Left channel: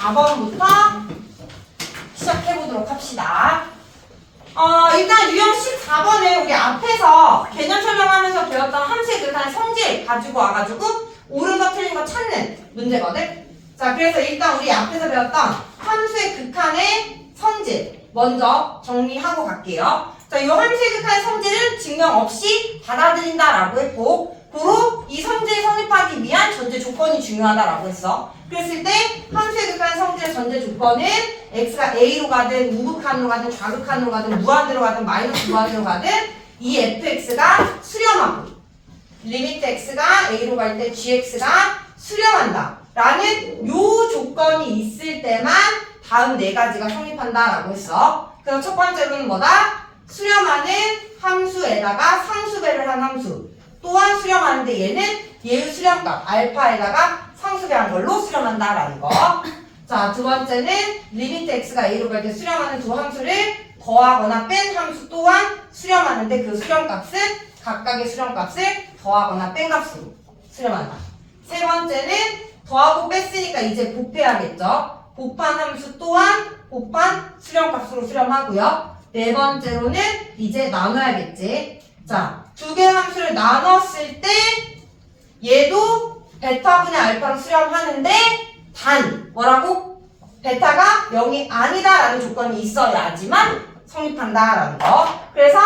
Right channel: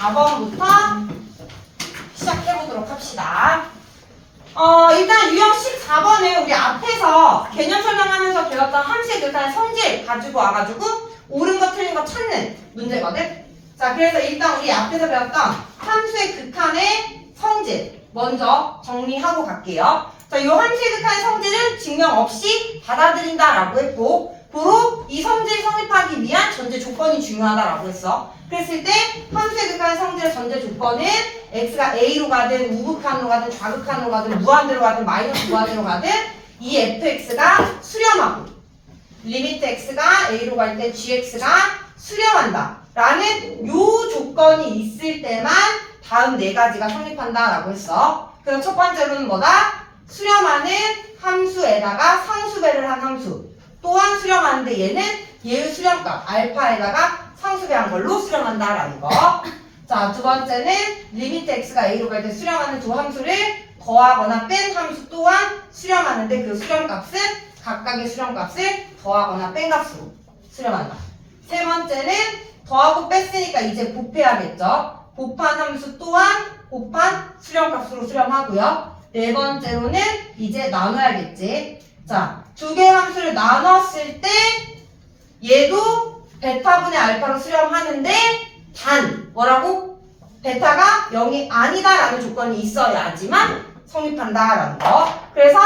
14번부터 시작해보도록 합시다. 일단 유형 14번에 우리 앞에서 개념 설명하면서 배웠던 함수의 극한의 성질 가지고 와가지고 옳은 거 틀린 거 찾는 문제거든. 자, 그래서 일단 우리 앞에서 배웠던 함수의 극한의 성질 먼저 정리하고 갈게요. 자, 이 함수의 극한의 성질은 증명 없이 받아들인다라고 했고, 고로 이 성질이 성립하기 위한 전제 조건이 중요하다라고 했어. 그랬을 때 함수의 극한의 성질의 전제 조건은 x가 a로 가든 우극한으로 가든 좌극한으로 가든 무한대로 가든 마이너스 무한대로 가든 이 fx가 수렴하고 리미트 x가 a로 갈 때 gx가 수렴한다 라는 요 조건이 있을 때만 다음 네 가지가 성립한다라고 했어. 그래서 첫 번째로는 뭐다? 수렴하는 함수에다가 상수배를 한 함수, 또한 수렴하는데 얘는 얘의 수렴값 알파에다가 상수배한 걸로 수렴한다라는 거. 자, 두 번째는 리미트 x가 a로 갈 때 수렴하는 두 함수를 더하거나 뺀 함수 또한 수렴하는데 그 수렴값은 각각의 수렴값을 더하거나 뺀 값으로 수렴한다. 세 번째는 더하고 뺐으니까 이제 곱해야겠죠. 곱한 함수 또한 곱한 수렴값으로 수렴하고요. 네 번째로는 이제 나눠야겠지. 자, 두 개의 함수를 나눴을 때 얘도 베타분의 알파로 수렴하는데 단 뭐라고? 베타가 0이 아니다라는 조건이 있어야지만 성립한다라는 거. 그래서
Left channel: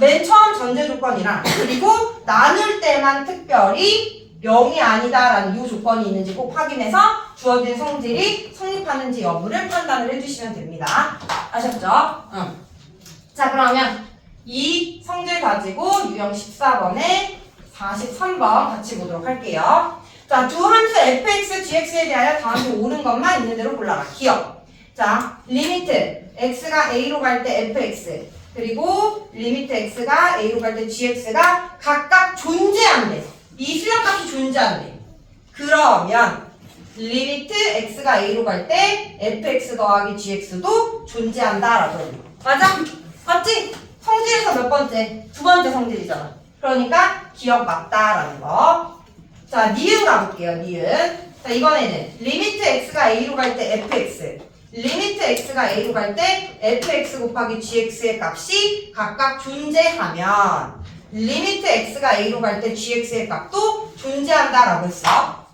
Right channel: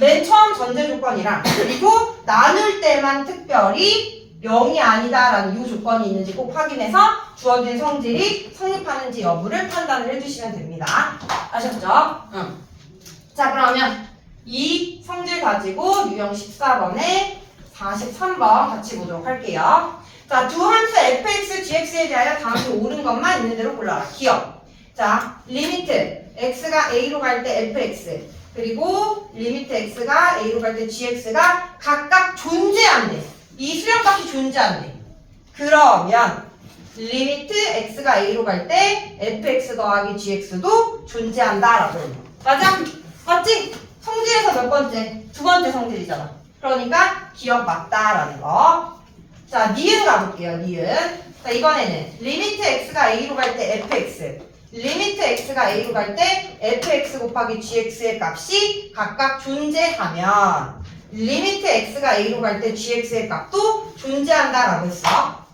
맨 처음 전제 조건이랑 그리고 나눌 때만 특별히 0이 아니다라는 이 조건이 있는지 꼭 확인해서 주어진 성질이 성립하는지 여부를 판단을 해주시면 됩니다. 아셨죠? 응. 자, 그러면 이 성질 가지고 유형 14번에 43번 같이 보도록 할게요. 자, 두 함수 fx, gx에 대하여 다음에 옳은 것만 있는 대로 골라라. 기억. 자, 리미트 x가 a로 갈 때 fx 그리고 리미트 x가 a로 갈 때 gx가 각각 존재한대. 이 수렴값이 존재한대. 그러면 리미트 x가 a로 갈 때 fx 더하기 gx도 존재한다라고 해요. 맞아? 맞지? 성질에서 몇 번째? 두 번째 성질이잖아. 그러니까 기억 맞다라는 거. 자, 니은 가볼게요. 니은. 자, 이번에는 리미트 x가 a로 갈 때 fx, 리미트 x가 a로 갈 때 fx 곱하기 gx의 값이 각각 존재하면 리미트 x가 a로 갈 때 gx의 값도 존재한다라고 했어.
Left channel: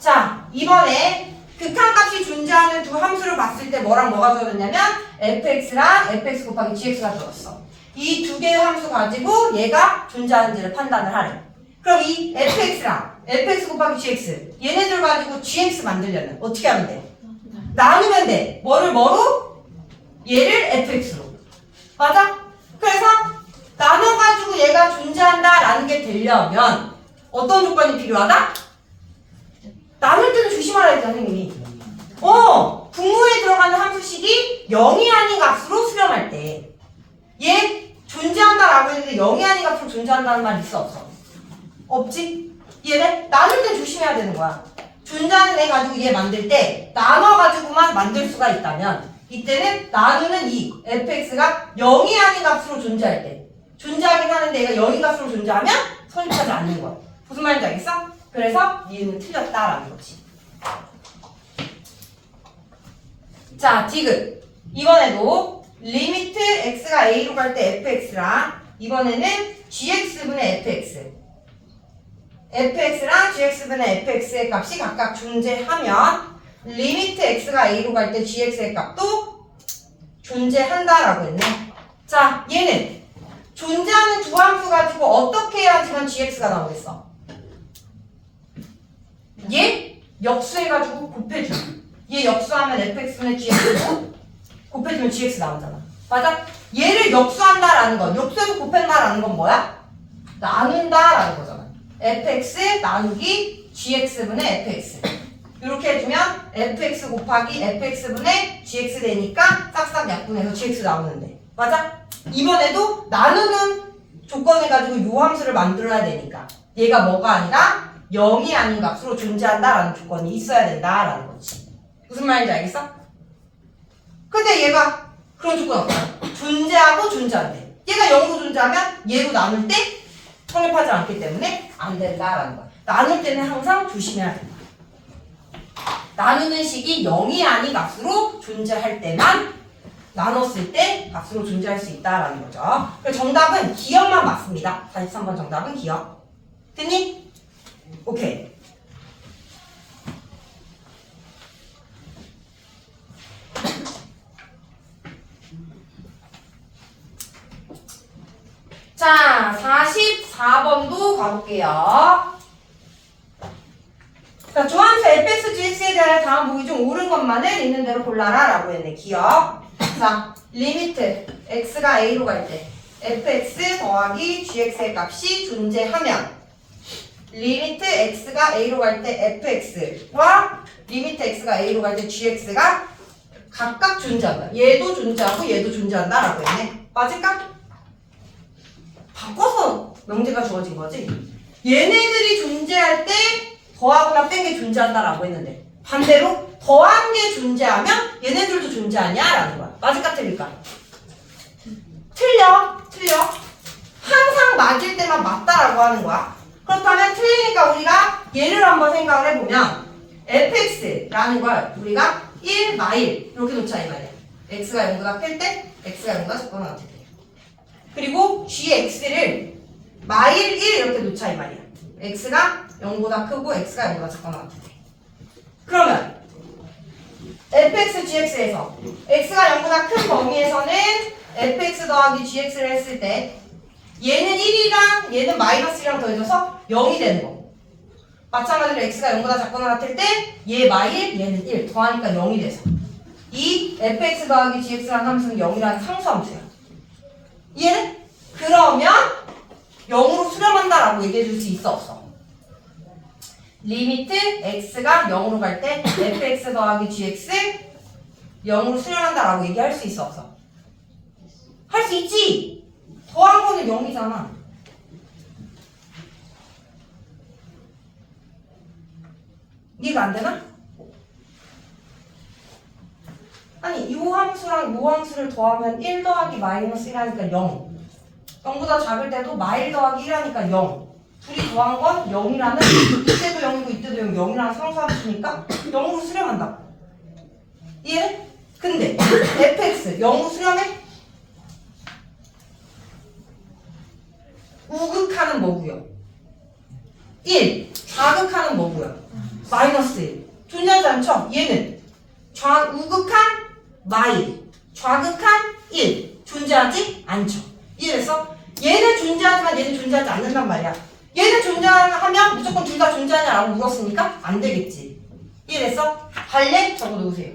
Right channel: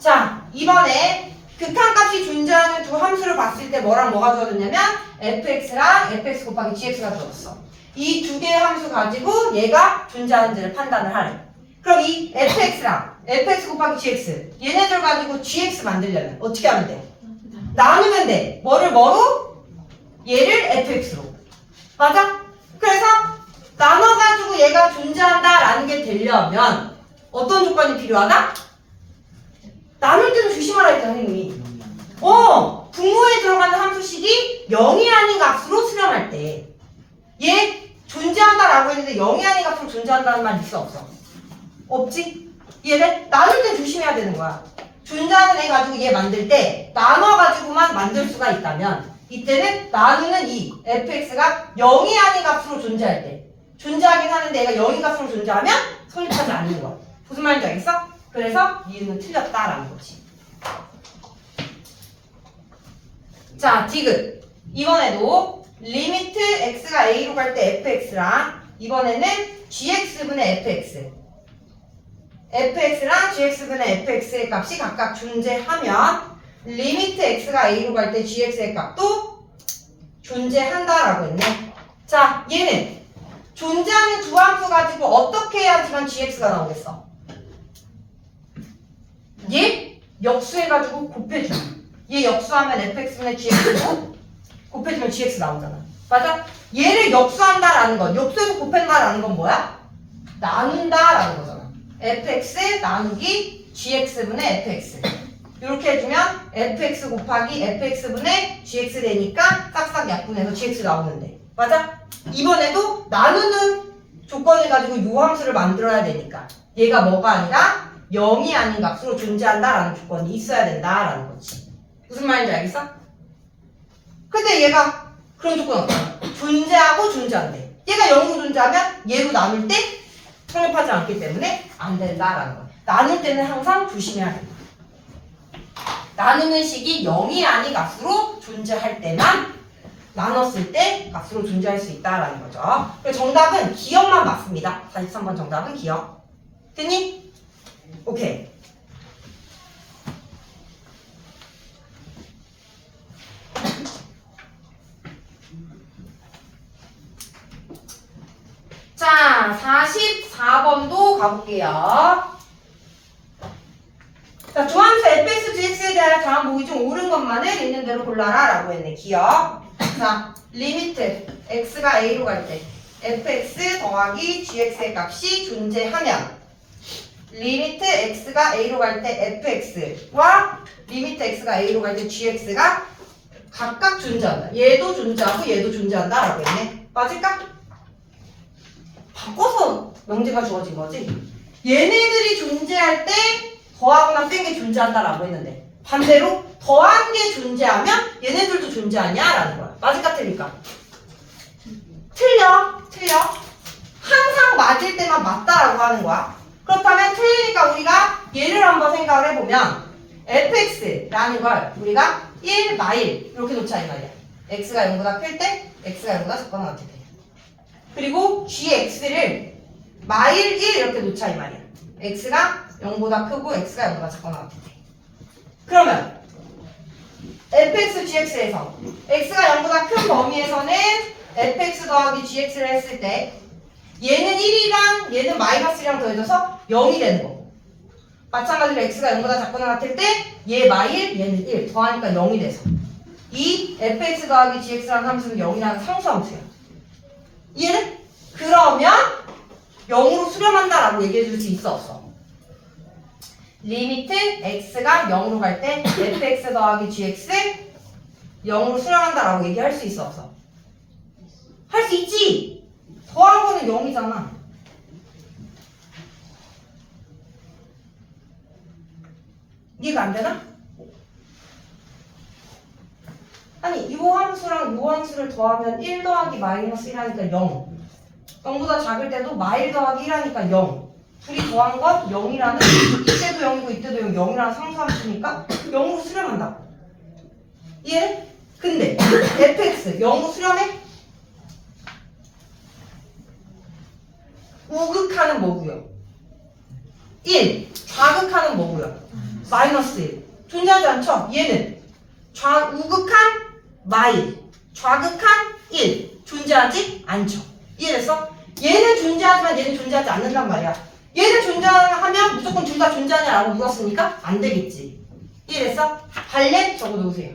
자, 이번에 극한값이 존재하는 두 함수를 봤을 때 뭐랑 뭐가 주어졌냐면 fx랑 fx 곱하기 gx가 주어졌어. 이 두 개의 함수 가지고 얘가 존재하는지를 판단을 하래. 그럼 이 fx랑 fx 곱하기 gx 얘네들 가지고 gx 만들려면 어떻게 하면 돼? 나누면 돼. 뭐로? 얘를 fx로. 맞아? 그래서 나눠가지고 얘가 존재한다라는 게 되려면 어떤 조건이 필요하다? 나눌 때는 조심하라 했잖아, 선생님이. 분모에 들어가는 함수식이 0이 아닌 값으로 수렴할 때 얘 존재한다라고 했는데 0이 아닌 값으로 존재한다는 말 있어 없어? 없지? 얘를 나눌 때 조심해야 되는 거야. 존재하는 애 가지고 얘 만들 때 나눠가지고만 만들 수가 있다면 이때는 나누는 이 fx가 0이 아닌 값으로 존재할 때 존재하긴 하는데 얘가 0인 값으로 존재하면 성립하지 않는 거야. 무슨 말인지 알겠어? 그래서 이유는 틀렸다라는 거지. 자, 디귿. 이번에도 리미트 x가 a로 갈 때 fx랑 이번에는 gx분의 fx fx랑 gx분의 fx의 값이 각각 존재하면 리미트 x가 a로 갈 때 gx의 값도 존재한다라고 했네. 자, 얘는 존재하는 두 함수 가지고 어떻게 해야지만 gx가 나오겠어? 얘 역수해가지고 곱해줘. 얘 역수하면 fx분의 gx 곱해주면 gx 나오잖아. 맞아? 얘를 역수한다라는 건 역수해서 곱한다라는 건 뭐야? 나눈다라는 거잖아. fx 나누기 gx분의 fx 이렇게 해주면 fx 곱하기 fx분의 gx 되니까 싹싹 약분해서 gx 나오는데 맞아? 이번에도 나누는 조건을 가지고 요 함수를 만들어야 되니까 얘가 뭐가 아니라 0이 아닌 값으로 존재한다라는 조건이 있어야 된다라는 거지. 무슨 말인지 알겠어? 근데 얘가 그런 조건 없잖아. 존재하고 존재한대. 얘가 0으로 존재하면 얘로 나눌 때 성립하지 않기 때문에 안 된다라는 거야. 나눌 때는 항상 조심해야 된다. 나누는 식이 0이 아닌 값으로 존재할 때만 나눴을 때 값으로 존재할 수 있다라는 거죠. 그래서 정답은 기억만 맞습니다. 43번 정답은 기억. 됐니? 오케이. 자, 44번도 가볼게요. 자, 조함수 fx, gx에 대한 다음 보기 중 옳은 것만을 있는 대로 골라라 라고 했네. 기억. 자, 리미트 x가 a로 갈 때 fx 더하기 gx의 값이 존재하면 리미트 x가 a로 갈 때 fx와 리미트 x가 a로 갈 때 gx가 각각 존재한다. 얘도 존재하고 얘도 존재한다 라고 했네. 맞을까? 바꿔서 명제가 주어진 거지. 얘네들이 존재할 때 더하거나 뺀 게 존재한다라고 했는데 반대로 더한 게 존재하면 얘네들도 존재하냐라는 거야. 맞을까 틀릴까? 틀려. 항상 맞을 때만 맞다라고 하는 거야. 그렇다면 틀리니까 우리가 얘를 한번 생각을 해보면 fx라는 걸 우리가 1, 마일 이렇게 놓자 이 말이야. x가 0보다 클 때 x가 0보다 작거나 같을 때. 그리고 gx를 마일 1 이렇게 놓자 이 말이야. x가 0보다 크고 x가 0보다 작거나 같을 때. 그러면 fx, gx에서 x가 0보다 큰 범위에서는 fx 더하기 gx를 했을 때 얘는 1이랑 얘는 마이너스 1이랑 더해져서 0이 되는 거. 마찬가지로 x가 0보다 작거나 같을 때 얘 마일, 얘는 1 더하니까 0이 돼서 이 fx 더하기 gx라는 함수는 0이라는 상수함수야. 이해는? 그러면 0으로 수렴한다라고 얘기해 줄 수 있어 없어? 리미트 x가 0으로 갈 때 fx 더하기 gx 0으로 수렴한다라고 얘기할 수 있어 없어? 할 수 있지! 더한 거는 0이잖아. 이해가 안 되나? 아니 이 함수랑 이 함수를 더하면 1 더하기 마이너스 1 하니까 0. 0보다 작을 때도 마일 더하기 1 하니까 0. 둘이 더한 건 0이라는 이때도 0이고 이때도 0이라는 상수함수니까 0으로 수렴한다. 이해? 근데 fx 0으로 수렴해? 우극하는 뭐고요? 1. 좌극하는 뭐고요? 마이너스 1. 존재하지 않죠? 얘는 우극한 마일, 좌극한 1. 존재하지 않죠? 이해됐어? 얘는 존재하지만 얘는 존재하지 않는단 말이야. 얘는 존재하면 무조건 둘 다 존재하냐라고 물었으니까 안 되겠지. 이해됐어? 할래? 적어놓으세요.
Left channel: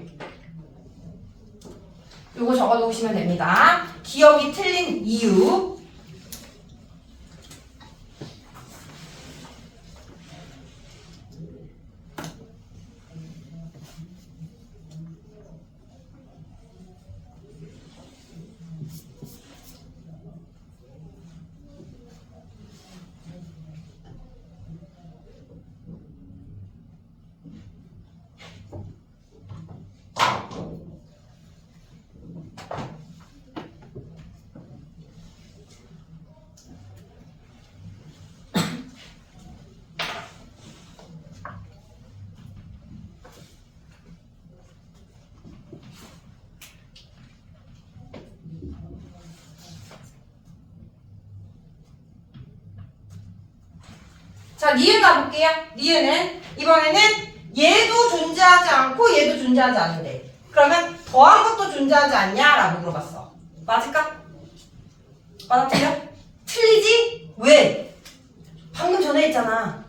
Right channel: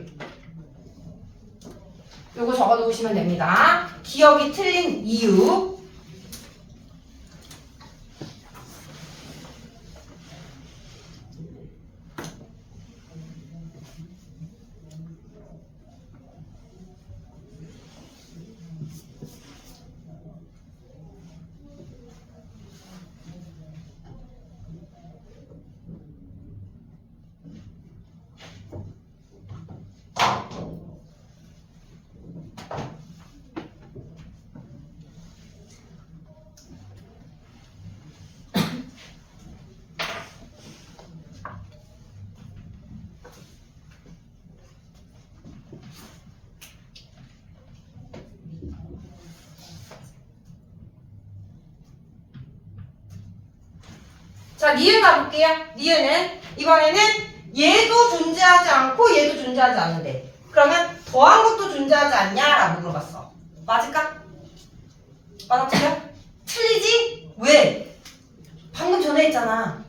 요거 적어놓으시면 됩니다. 기억이 틀린 이유. 자, 니은 가볼게요. 니은은 이번에는 얘도 존재하지 않고 얘도 존재하지 않는데 그러면 더한 것도 존재하지 않냐? 라고 물어봤어. 맞을까? 맞았죠? 틀리지? 왜? 방금 전에 했잖아.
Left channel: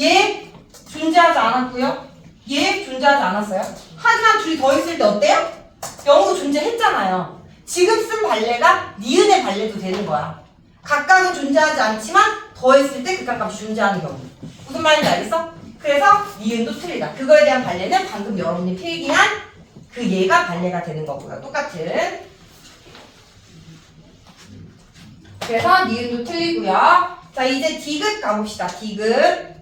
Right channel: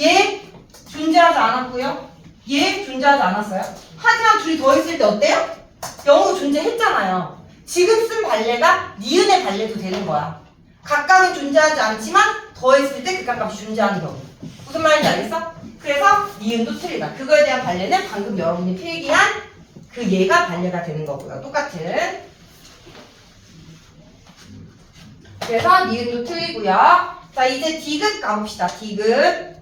얘 존재하지 않았고요. 얘 존재하지 않았어요. 하지만 둘이 더했을 때 어때요? 0으로 존재했잖아요. 지금 쓴 발레가 니은의 발레도 되는 거야. 각각은 존재하지 않지만 더했을 때 극한값이 존재하는 경우. 무슨 말인지 알겠어? 그래서 니은도 틀리다. 그거에 대한 발레는 방금 여러분이 필기한 그 얘가 발레가 되는 거고요. 똑같은. 그래서 니은도 틀리고요. 자, 이제 디귿 가봅시다. 디귿.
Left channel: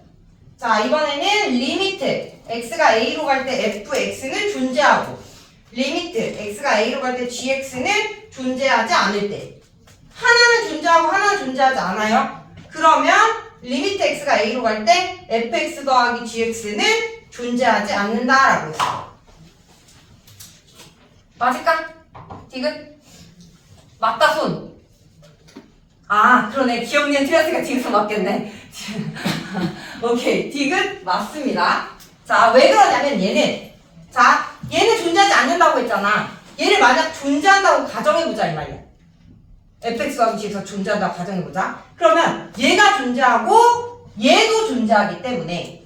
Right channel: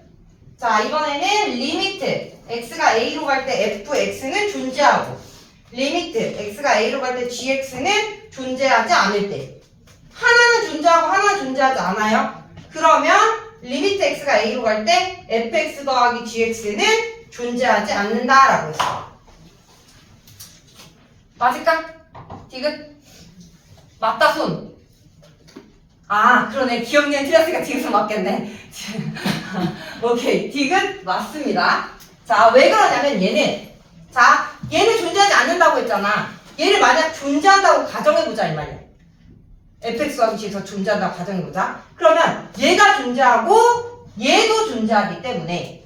자, 이번에는 리미트 x가 a로 갈 때 fx는 존재하고 리미트 x가 a로 갈 때 gx는 존재하지 않을 때 하나는 존재하고 하나는 존재하지 않아요. 그러면 리미트 x가 a로 갈 때 fx 더하기 gx는 존재하지 않는다라고 했어. 맞을까? 디귿? 맞다 손. 아 그러네. 기억니은 틀렸으니까 디귿은 맞겠네. 오케이 디귿 맞습니다. 자 왜 그러냐면 얘는 존재하지 않는다고 했잖아. 얘를 만약 존재한다고 가정해보자 이 말이야. fx 더하기 gx가 존재한다고 가정해보자. 그러면 얘가 존재하고 얘도 존재하기 때문에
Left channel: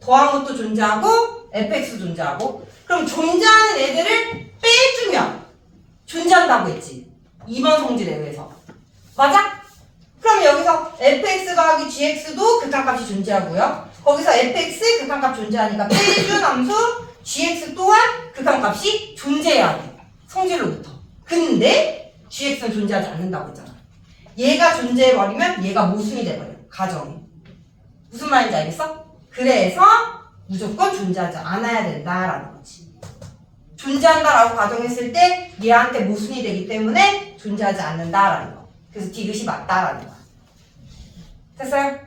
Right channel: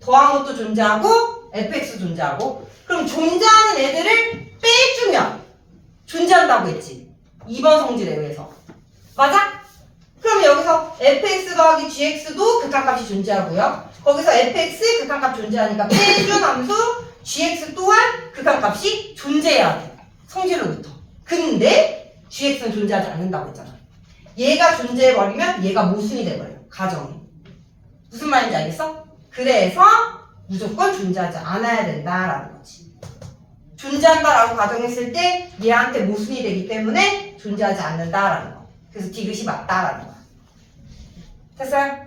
더한 것도 존재하고 fx도 존재하고 그럼 존재하는 애들을 빼주면 존재한다고 했지. 2번 성질에 의해서. 맞아? 그러면 여기서 fx 더하기 gx도 극한값이 존재하고요. 거기서 fx 극한값 존재하니까 빼준 함수 gx 또한 극한값이 존재해야 돼. 성질로부터. 근데 gx는 존재하지 않는다고 했잖아. 얘가 존재해버리면 얘가 모순이 돼버려. 가정이. 무슨 말인지 알겠어? 그래서 무조건 존재하지 않아야 된다라는 거지. 존재한다라고 가정했을 때 얘한테 모순이 되기 때문에 존재하지 않는다라는 거. 그래서 디귿이 맞다라는 거야. 됐어요?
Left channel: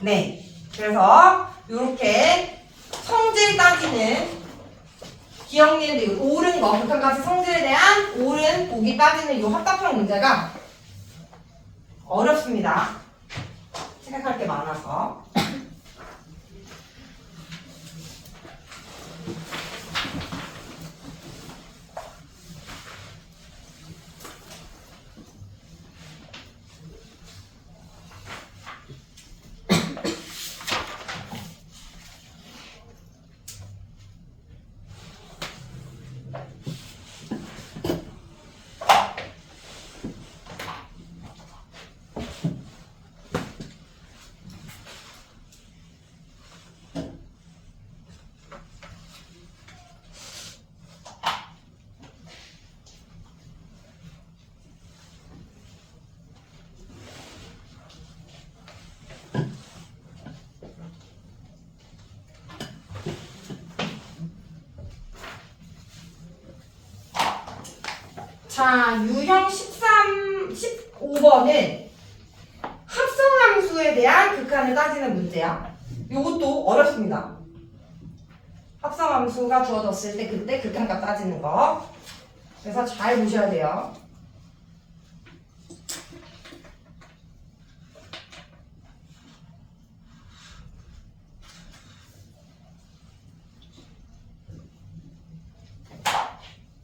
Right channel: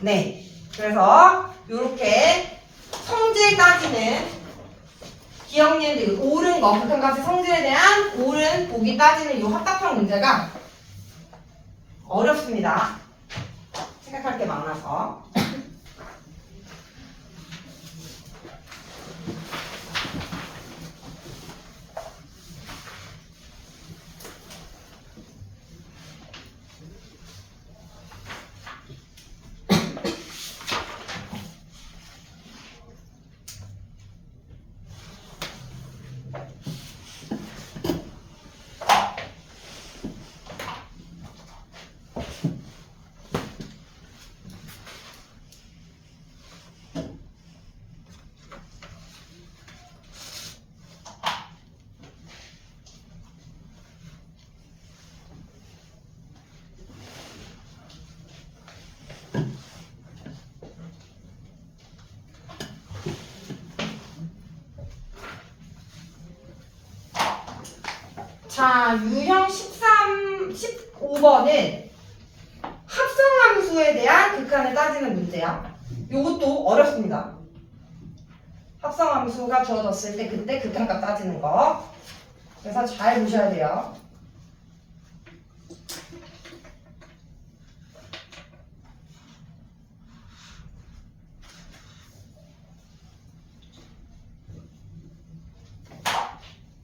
네. 그래서 이렇게 성질 따지는 기억니은데 옳은 거, 극한값의 성질에 대한 옳은 보기 따지는 이 합답형 문제가 어렵습니다. 생각할 게 많아서. 자, 유형 15번은 합성함수에 대한 극한을 따지는 문제야. 이것도 어렵습니다. 합성함수가 주어졌을 때 그때 극한값 따지는 거. 그래서 잘 보셔야 돼요.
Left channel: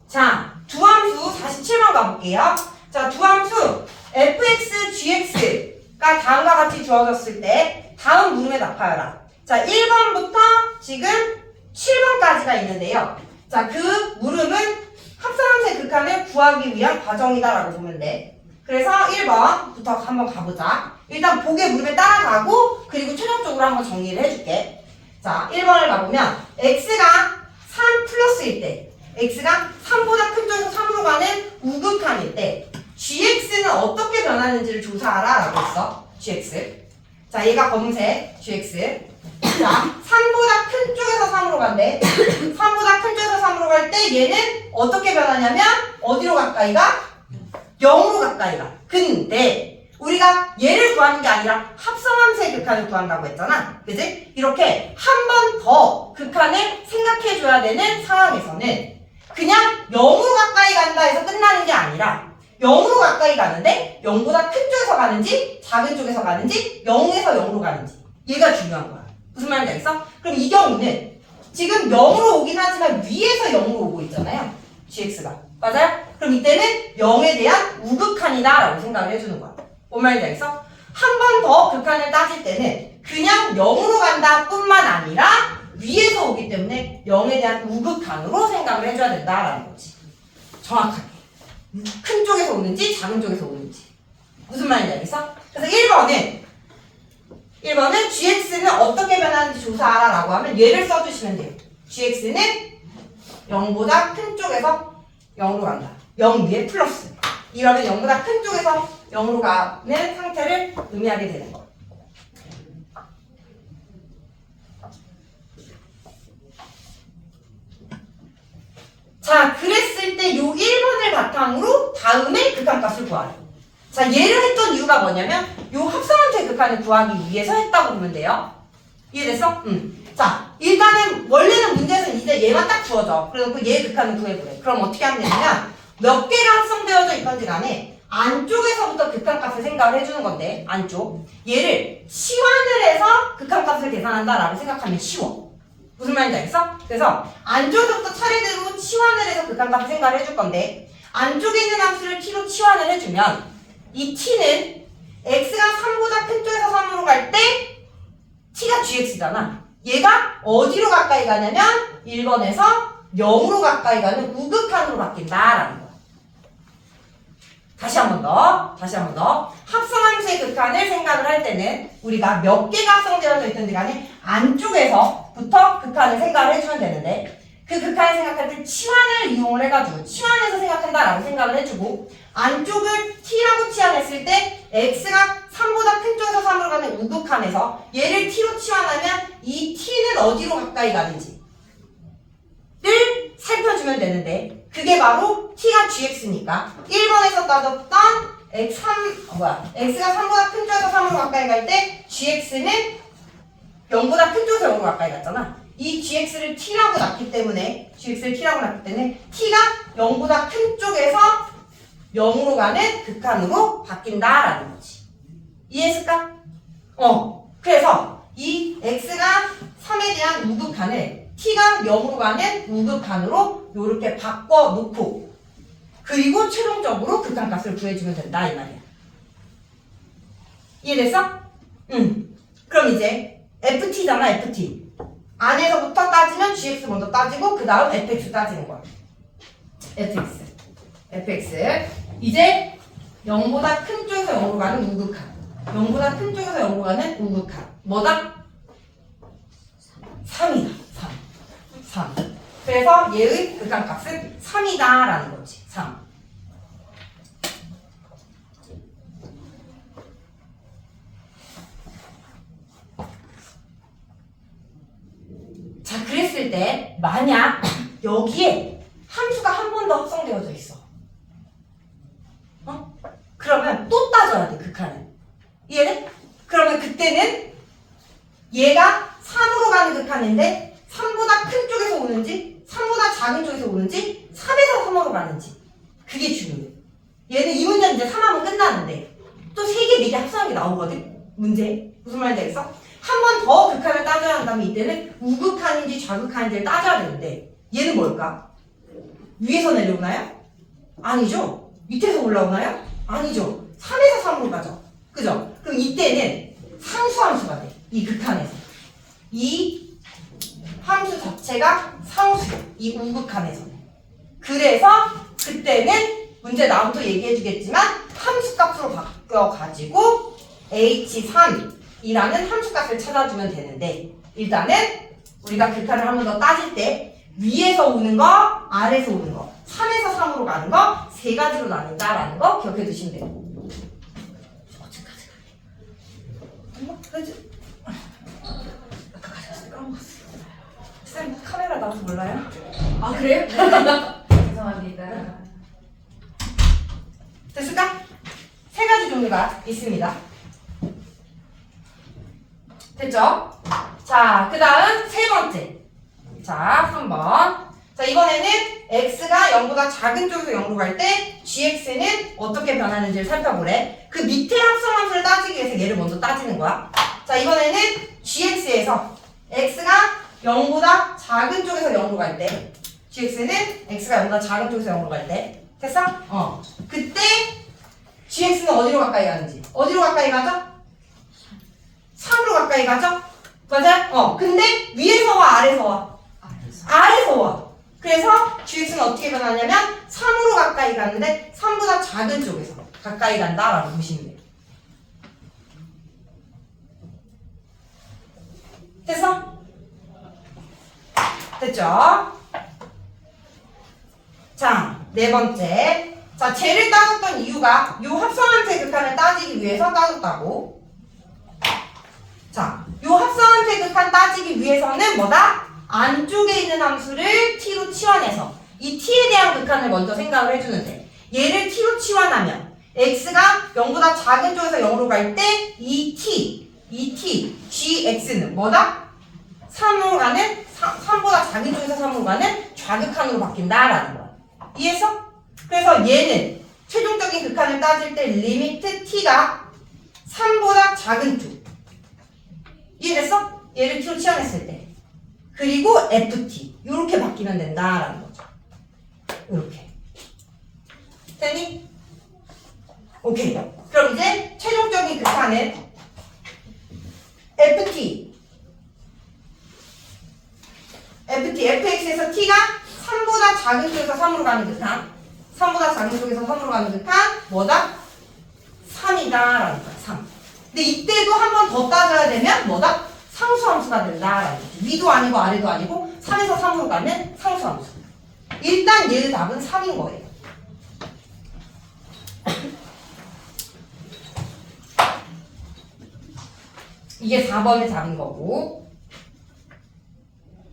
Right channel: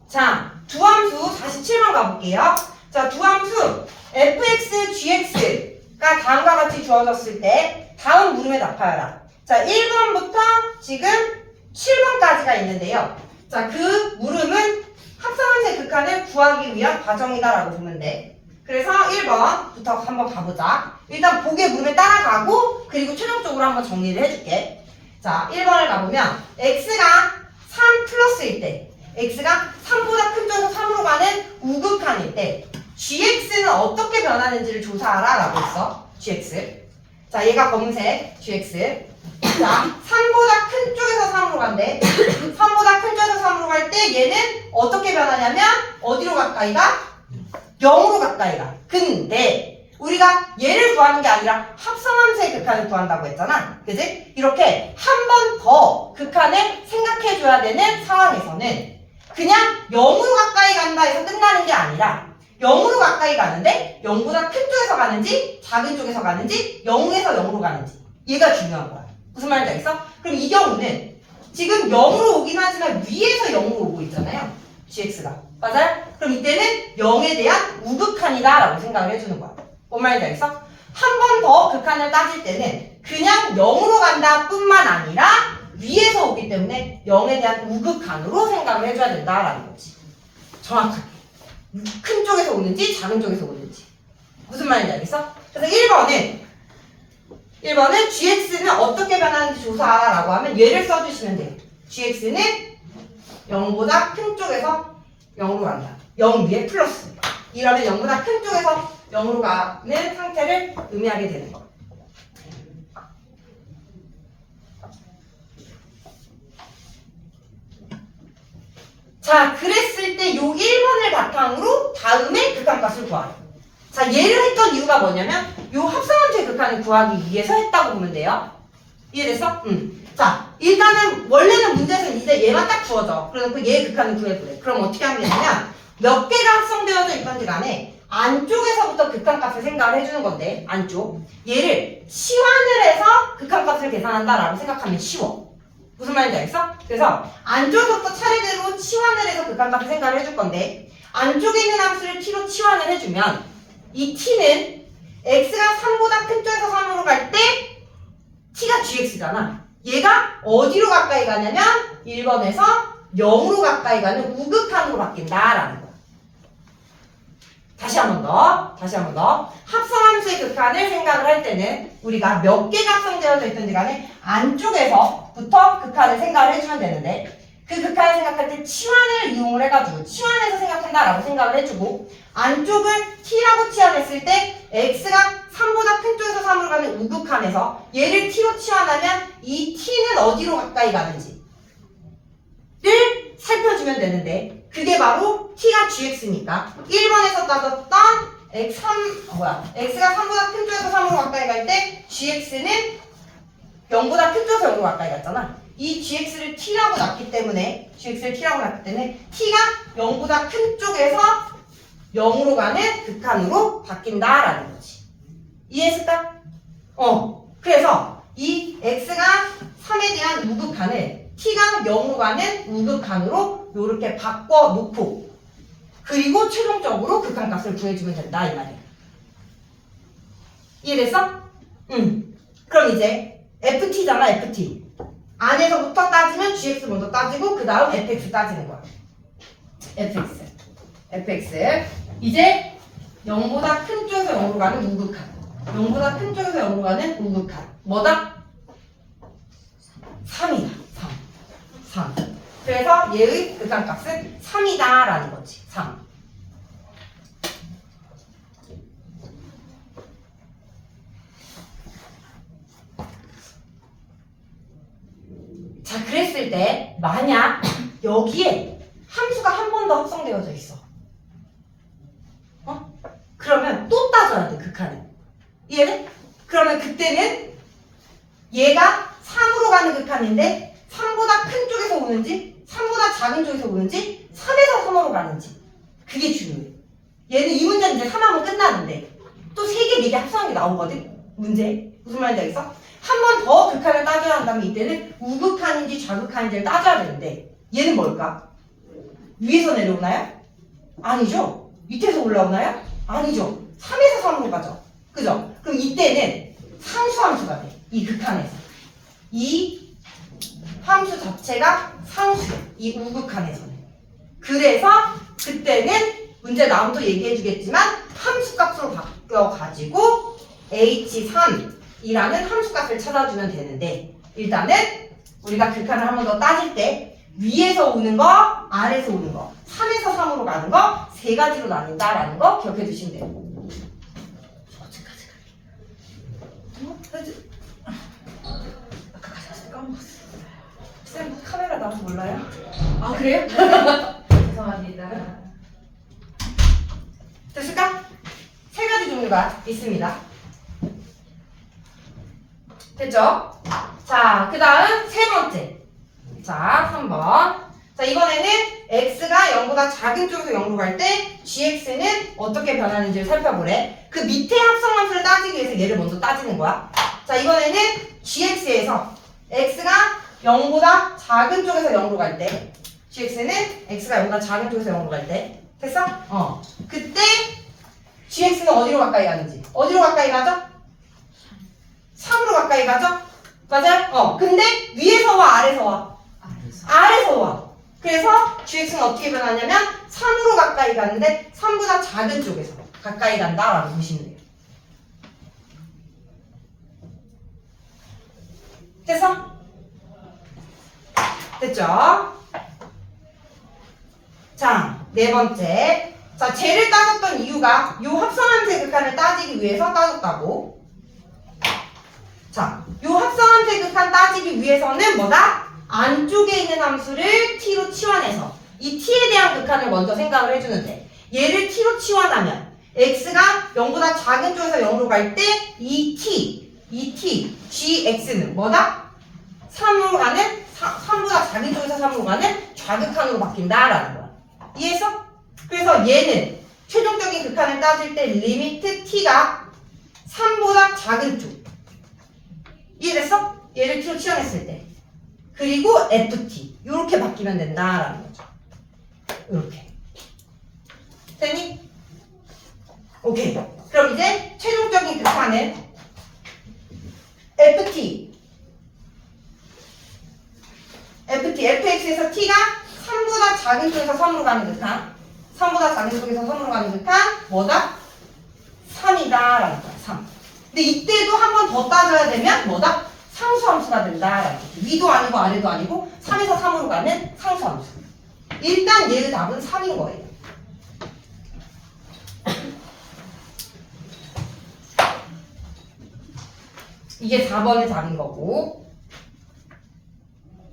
자, 두함수 47번 가볼게요. 자, 두함수 fx, gx가 다음과 같이 주어졌을 때 다음 물음에 답하여라. 자, 1번부터 지금 7번까지가 있는데요. 자, 그 물음은 합성함수의 극한을 구하기 위한 과정이다라고 보면 돼. 그래서 1번부터 한번 가보자. 일단 보기의 물음에 따라가고 그리고 최종적으로 한번 정리를 해줄게. 자, 1번을 가보면 x가 3 플러스일 때 x가 3보다 큰 쪽에서 3으로 가는 우극한일 때 gx는 어떻게 변하는지를 조사하라 라고 했어. gx. 자, 얘가 검은색 gx. 자, 3보다 큰 쪽에서 3으로 간대. 3보다 큰 쪽에서 3으로 갈 때 얘는 어떻게 변하냐면 어디로 가까이 가? 0으로 가까이 가. 근데 우리가 얘를 구하는 게 아니라 합성함수의 극한을 구한다고 했잖아. 그지? 이렇게 한 번 더 극한을 생각해줘야 되는 상황에서는 그냥 0으로 가까이 간다 해서 끝나는 게 아니라 0으로 가까이 가는데 0보다 큰 쪽에서 가는지 작은 쪽에서 가는지 0에서 0으로 가는지 얘가 중요한 거야. 무슨 말인지 알겠어? 그럼 이 경우는 지금 0으로 오긴 하지만 위에서 0으로 오고 있잖아요. gx가. 맞아요? 그럼 이때는 0에 대한 우극한이다 라고 생각을 해주는 거야. 뭔 말인지 알겠어? 한 번 더 극한을 따질 때는 그냥 0으로 간다 뿐만 아니라 위에서 오기 때문에 0에 대한 우극한으로 생각을 해줘야 된다라는 거지. 정확하게. 큰 쪽에서 오는지 작은 쪽에서 오는지. 무슨 말인지 알겠어? 그래서 1번은 gx는 어떻게 변하는지 조사하라 라고 하면 얘를 써주시면 돼요. gx는 0보다 큰 쪽에서 0으로 간다. 0 위에 플러스. 이러면 0보다 큰 쪽에서 0으로 가는 상태를 의미하게 되는 거. 자, 그랬을 때 요 1번을 바탕으로 다음에 극한값을 구하래. 자, 얘를 했던 이유가 뭐냐면 요 합성함수의 극한을 구하기 위해서 했다고 보면 돼요. 이해됐어? 자, 일단은 원래는 문제에서는 이제 얘만 딱 주어져. 그래서 얘 극한을 구해보래. 그럼 어떻게 하면 되냐면 몇 개가 합성되어져 있던지 간에 안쪽에서부터 극한값을 생각을 해주는 건데 안쪽 얘를 치환을 해서 극한값을 계산한다라고 생각하면 쉬워. 무슨 말인지 알겠어? 그래서 안쪽에서부터 차례대로 치환을 해서 극한값을 생각을 해줄 건데 안쪽에 있는 함수를 t로 치환을 해주면 이 t는 x가 3보다 큰 쪽에서 3으로 갈 때 t가 gx잖아. 얘가 어디로 가까이 가냐면 1번에서 0으로 가까이 가는 우극한으로 바뀐다라는 거야. 다시 한 번 더. 합성함수의 극한을 생각을 할 때는 우리가 몇 개가 합성되어져 있든지 간에 안쪽에서부터 극한을 생각을 해주면 되는데 그 극한을 생각할 때 치환을 이용을 해가지고 치환해서 생각한다라고 생각을 해주고 안쪽을 t라고 치환했을 때 x가 3보다 큰 쪽에서 3으로 가는 우극한에서 얘를 t로 치환하면 이 t는 어디로 가까이 가는지를 살펴주면 되는데 그게 바로 t가 gx니까 1번에서 따졌던 x가 3보다 큰 쪽에서 3으로 가까이 갈 때 gx는 0보다 큰 쪽에서 0으로 가까이 갔잖아. 이 gx를 t라고 놨기 때문에 t가 0보다 큰 쪽에서 0으로 가는 극한으로 바뀐다라는 거지. 이해했을까? 그래서 이 x가 3에 대한 우극한을 t가 0으로 가는 우극한으로 이렇게 바꿔놓고 그리고 최종적으로 극한값을 구해주면 된다 이 말이야. 이해됐어? 그럼 이제 ft잖아 ft. 안에서부터 따지면 gx 먼저 따지고 그 다음 fx 따지는 거야. fx 이제 0보다 큰 쪽에서 0으로 가는 우극한 0보다 큰 쪽에서 0으로 가는 우극한 뭐다? 3이다 3 그래서 얘의 극한값은 3이다 라는 거지 3. 자 그랬을 때 만약 여기에 함수가 한 번 더 합성되어져 있어 그러면 또 따져야 돼 극한을. 이해돼? 그러면 그때는 얘가 3으로 가는 극한인데 3보다 큰 쪽에서 오는지 3보다 작은 쪽에서 오는지 3에서 3으로 가는지 그게 중요해. 얘는 이 문제는 이제 3하면 끝나는데 또 3개, 4개 합성한 게 나오거든? 문제. 무슨 말인지 알겠어? 한 번 더 극한을 따져야 한다면 이때는 우극한인지 좌극한인지를 따져야 되는데 얘는 뭘까? 위에서 내려오나요? 아니죠. 밑에서 올라오나요? 아니죠. 3에서 3으로 가죠. 그죠? 그럼 이때는 상수함수가 돼. 이 극한에서. 이 함수 자체가 상수. 이 우극한에서는. 그래서 그때는 문제 나오면 얘기해 주겠지만 함수값으로 바뀌어가지고 h3이라는 함수값을 찾아주면 되는데 일단은 우리가 극한을 한 번 더 따질 때 위에서 오는 거, 아래에서 오는 거 3에서 3으로 가는 거 세 가지로 나눈다라는 거 기억해 두시면 돼요. 어디까지 갈게? 까먹었어. 쌤 카메라 나와서 몰라요? 아 그래요? 죄송합니다. 됐을까? 세 가지 종류가 있습니다. 됐죠? 자, 그 다음 세 번째. 자, 3번. 자, 이번에는 x가 0보다 작은 쪽에서 0으로 갈 때 gx는 어떻게 변하는지를 살펴보래. 그 밑에 합성함수를 따지기 위해서 얘를 먼저 따지는 거야. 자, 이번에는 gx에서 x가 0보다 작은 쪽에서 0으로 갈 때 gx는 x가 0보다 작은 쪽에서 0으로 갈 때 됐어? 그때 gx는 어디로 가까이 가는지 어디로 가까이 가죠? 3으로 가까이 가죠? 맞아요? 근데 위에서 와 아래서 와? 아래서 와. 그래서 gx는 어떻게 변하냐면 3으로 가까이 가는데 3보다 작은 쪽에서 가까이 간다라고 보시면 돼요. 됐어? 됐죠? 자, 네 번째. 자, 쟤를 따졌던 이유가 요 합성함수의 극한을 따지기 위해서 따졌다고. 자, 요 합성함수의 극한 따지기 위해서는 뭐다? 안쪽에 있는 함수를 t로 치환해서 이 t에 대한 극한을 먼저 생각을 해주는데 얘를 t로 치환하면 x가 0보다 작은 쪽에서 0으로 갈 때 이 t, gx는 뭐다? 3으로 가는 3보다 작은 쪽에서 3으로 가는 좌극한으로 바뀐다라는 거야. 이해했어? 그래서 얘는 최종적인 극한을 따질 때 리미트 t가 3보다 작은 쪽. 이해됐어? 얘를 t로 치환했을 때. 그리고 ft 이렇게 바뀌면 된다라는 거죠. 이렇게. 됐니? 오케이. 그럼 이제 최종적인 극한은 fx에서 t가 3보다 작은 쪽에서 3으로 가는 극한. 3보다 작은 쪽에서 3으로 가는 극한 뭐다? 3이다 라는 거야. 3. 근데 이때도 한 번 더 따져야 되면 뭐다? 상수함수가 된다라는 거지. 위도 아니고 아래도 아니고 3에서 3으로 가는 상수함수. 일단 얘의 답은 3인 거예요. 이게 4번의 답인 거고.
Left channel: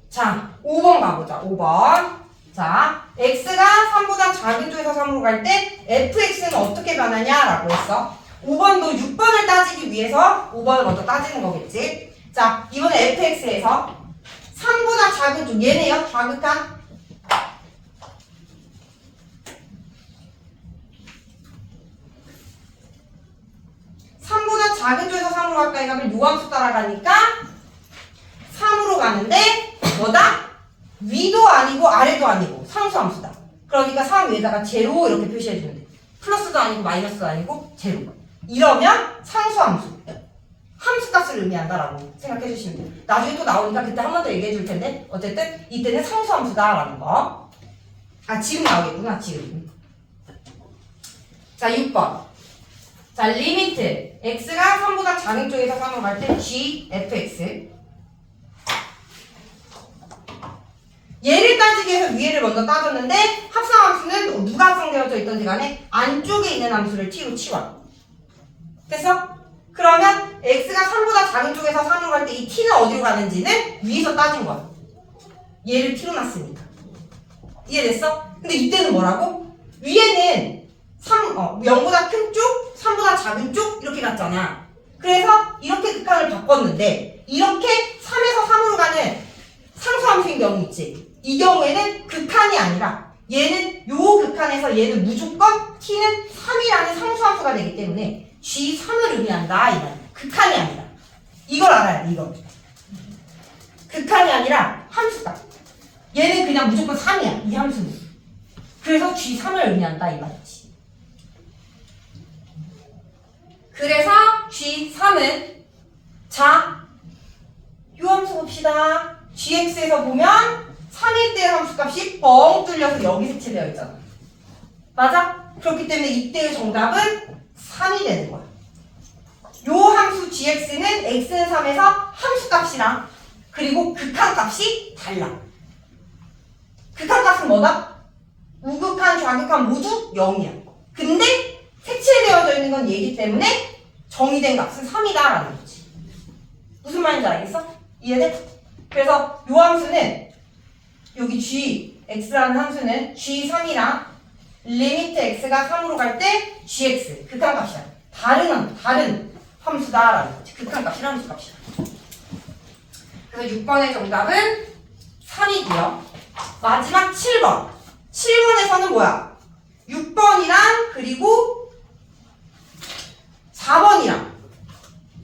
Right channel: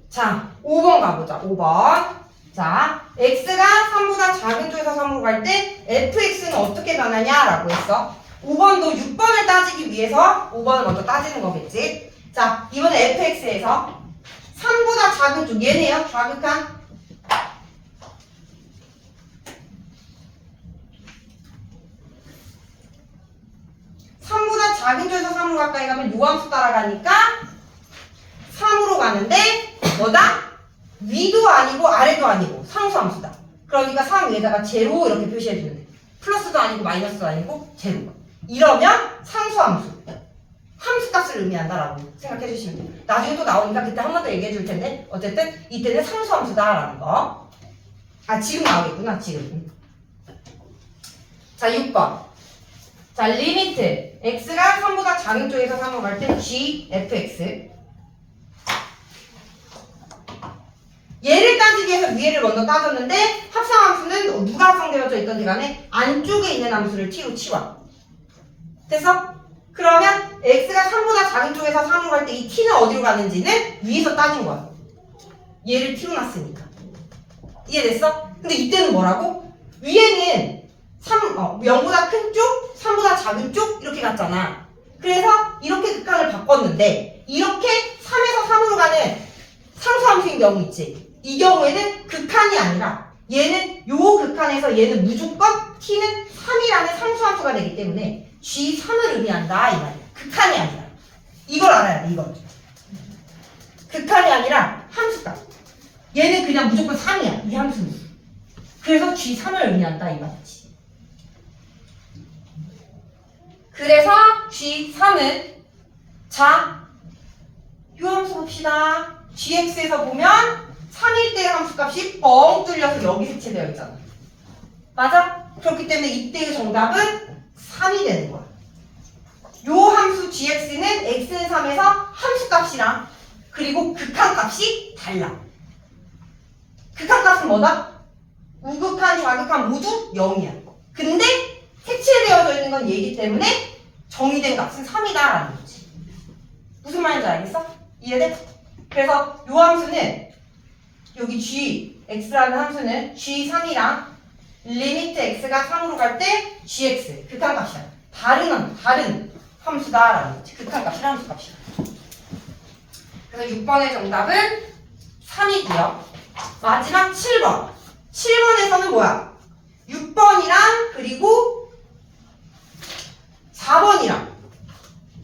자, 5번 가보자. 5번. 자, x가 3보다 작은 쪽에서 3으로 갈 때 fx는 어떻게 변하냐라고 했어. 5번도 6번을 따지기 위해서 5번을 먼저 따지는 거겠지. 자, 이번에 fx에서 3보다 작은 쪽, 얘네요. 좌극한. 작은 쪽에서 3으로 가까이 가면 요함수 따라가니까 3으로 가는데 뭐다? 위도 아니고 아래도 아니고 상수함수다. 그러니까 3 위에다가 제로 이렇게 표시해주면 돼. 플러스도 아니고 마이너스도 아니고 제로. 이러면 상수함수. 함수값을 의미한다라고 생각해 주시면 돼요. 나중에 또 나오니까 그때 한 번 더 얘기해 줄 텐데 어쨌든 이때는 상수함수다라는 거. 아 지금 나오겠구나 지금. 자 6번. 자, 리미트 x가 3보다 작은 쪽에서 3으로 갈 때 g fx. 얘를 따지기 위해서 위에를 먼저 따졌는데 합성함수는 누가 합성되어져 있던지 간에 안쪽에 있는 함수를 t로 치워. 됐어? 그러면 x가 3보다 작은 쪽에서 3으로 갈 때 이 t는 어디로 가는지는 위에서 따진 거야. 얘를 t로 놨으니까. 이해됐어? 근데 이때는 뭐라고? 위에는 0보다 큰 쪽, 3보다 작은 쪽 이렇게 갔잖아. 그래서 이렇게 극한을 바꿨는데 이렇게 3에서 3으로 가는 상수함수인 경우 있지. 이 경우에는 극한이 아니라 얘는 요 극한에서 얘는 무조건 t는 3이라는 상수함수가 되기 때문에 g3을 의미한다 이 말이야. 극한이 아니라. 이걸 알아야 돼. 이걸. 극한이 아니라 함수다. 얘는 그냥 무조건 3이야. 이 함수는. 그래서 g3을 의미한다 이 말이지. 그래서 G3은 자, 요 함수 봅시다. GX에서 보면 3일 때의 함수값이 뻥 뚫려서 여기 색채되어 있잖아. 맞아? 그렇기 때문에 이때의 정답은 3이 되는 거야. 요 함수 GX는 X는 3에서 함수값이랑 그리고 극한값이 달라. 극한값은 뭐다? 우극한, 좌극한 모두 0이야. 근데 색칠되어져 있는 건 얘기 때문에 정의된 값은 3이다라는 거지. 무슨 말인지 알겠어? 이해돼? 그래서 요 함수는 여기 g, x라는 함수는 g3이랑 리미트 x가 3으로 갈 때 gx, 극한값이야. 다른 함수다라는 거지. 극한값이랑 함수값이야. 그래서 6번의 정답은 3이고요. 마지막 7번. 7번에서는 뭐야? 6번이랑 그리고 4번이랑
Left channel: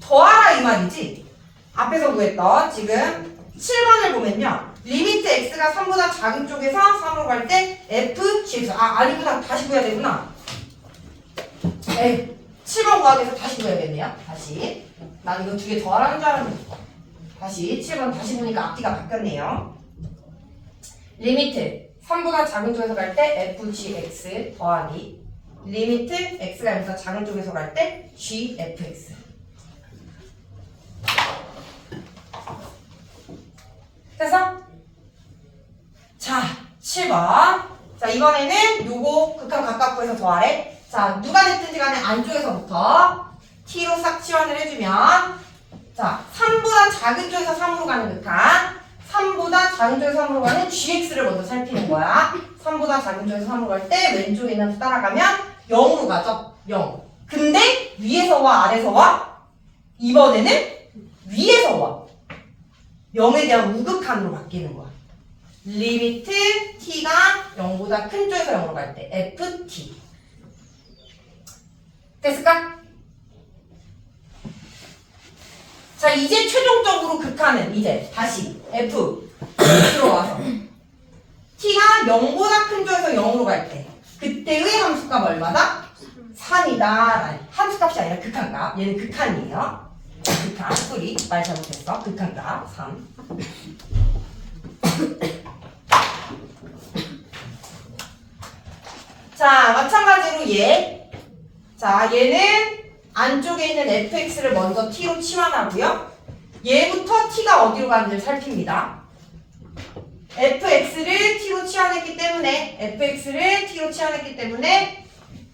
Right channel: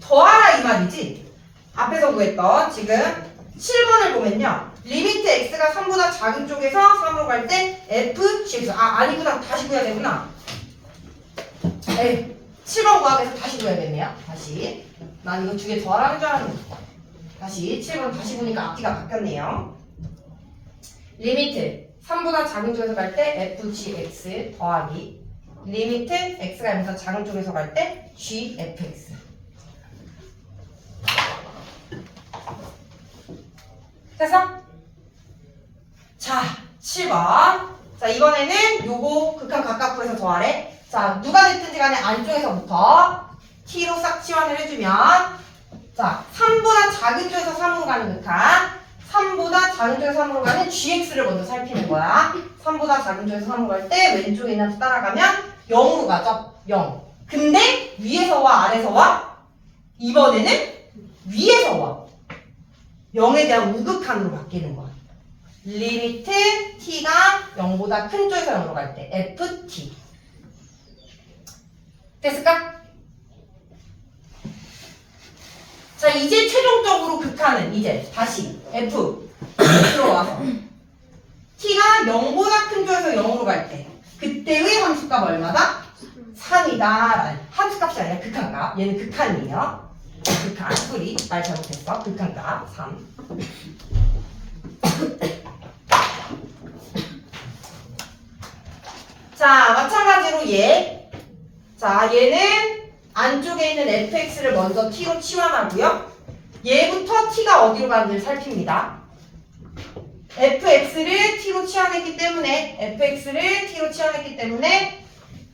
더하라 이 말이지. 앞에서 구했던 지금 7번을 보면요. 리미트 x가 3보다 작은 쪽에서 3으로 갈 때 f, gx. 아니구나. 다시 구해야 되구나. 에이, 7번 구하기 위해서 다시 구해야겠네요. 다시. 난 이거 두 개 더하라는 줄 알았는데. 다시 7번 다시 보니까 앞뒤가 바뀌었네요. 리미트 3보다 작은 쪽에서 갈 때 f, gx 더하기 리미트 x가 여기서 작은 쪽에서 갈 때 g, fx. 됐어? 자, 7번. 자, 이번에는 요거 극한 가깝고에서 더하래. 자, 누가 됐든지 간에 안쪽에서부터 t로 싹 치환을 해주면 자, 3보다 작은 쪽에서 3으로 가는 극한 3보다 작은 쪽에서 3으로 가는 gx를 먼저 살피는 거야. 3보다 작은 쪽에서 3으로 갈 때 왼쪽에 있는 수 따라가면 0으로 가죠. 0. 근데 위에서 와 아래서 와? 이번에는 위에서 와. 0에 대한 우극한으로 바뀌는 거야. 리미트 t가 0보다 큰 쪽에서 0으로 갈 때 ft. 됐을까? 자, 이제 최종적으로 극한은 이제 다시 f로 와서 t가 0보다 큰 쪽에서 0으로 갈 때 그때의 함수값 얼마다? 3이다. 함수값이 아니라 극한값. 얘는 극한이에요. 극한. 소리. 말 잘못했어. 극한값 3. 자, 마찬가지로 얘. 자, 얘는 안쪽에 있는 fx를 먼저 t로 치환하고요. 얘부터 t가 어디로 가는지를 살핍니다. fx를 t로 치환했기 때문에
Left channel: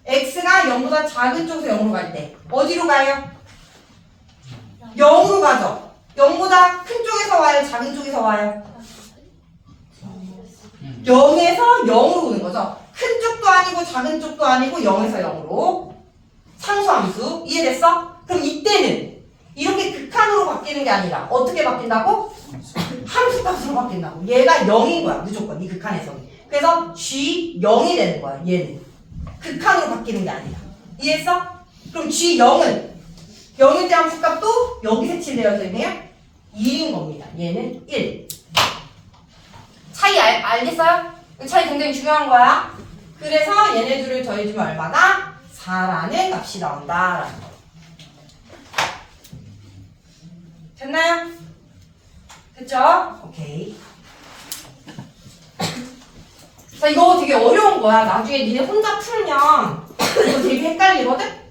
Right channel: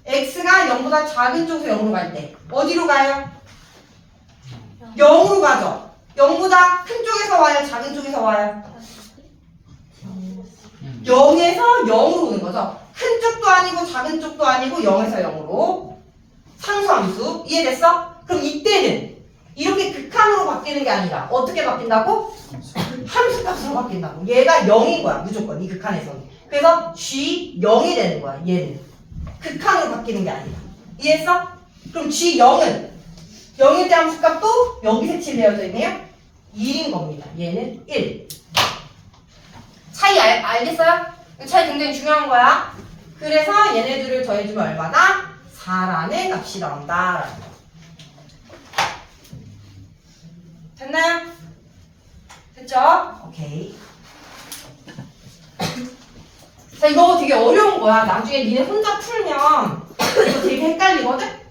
x가 0보다 작은 쪽에서 0으로 갈 때 어디로 가요? 0으로 가죠. 0보다 큰 쪽에서 와요? 작은 쪽에서 와요? 0에서 0으로 오는 거죠. 큰 쪽도 아니고 작은 쪽도 아니고 0에서 0으로. 상수함수. 이해됐어? 그럼 이때는 이렇게 극한으로 바뀌는 게 아니라 어떻게 바뀐다고? 함수값으로 바뀐다고. 얘가 0인 거야. 무조건 이 극한에서는. 그래서 g 0이 되는 거야. 얘는. 극한으로 바뀌는 게 아니라. 이해했어? 그럼 g0은 0일 때 함수값도 여기 색칠되어져 있네요. 1인 겁니다. 얘는 1. 차이 알겠어요? 이 차이 굉장히 중요한 거야. 그래서 얘네들을 더해주면 얼마나? 4라는 값이 나온다라는 거. 됐나요? 됐죠? 오케이. 자, 이거 되게 어려운 거야. 나중에 니네 혼자 풀면 이거 되게 헷갈리거든?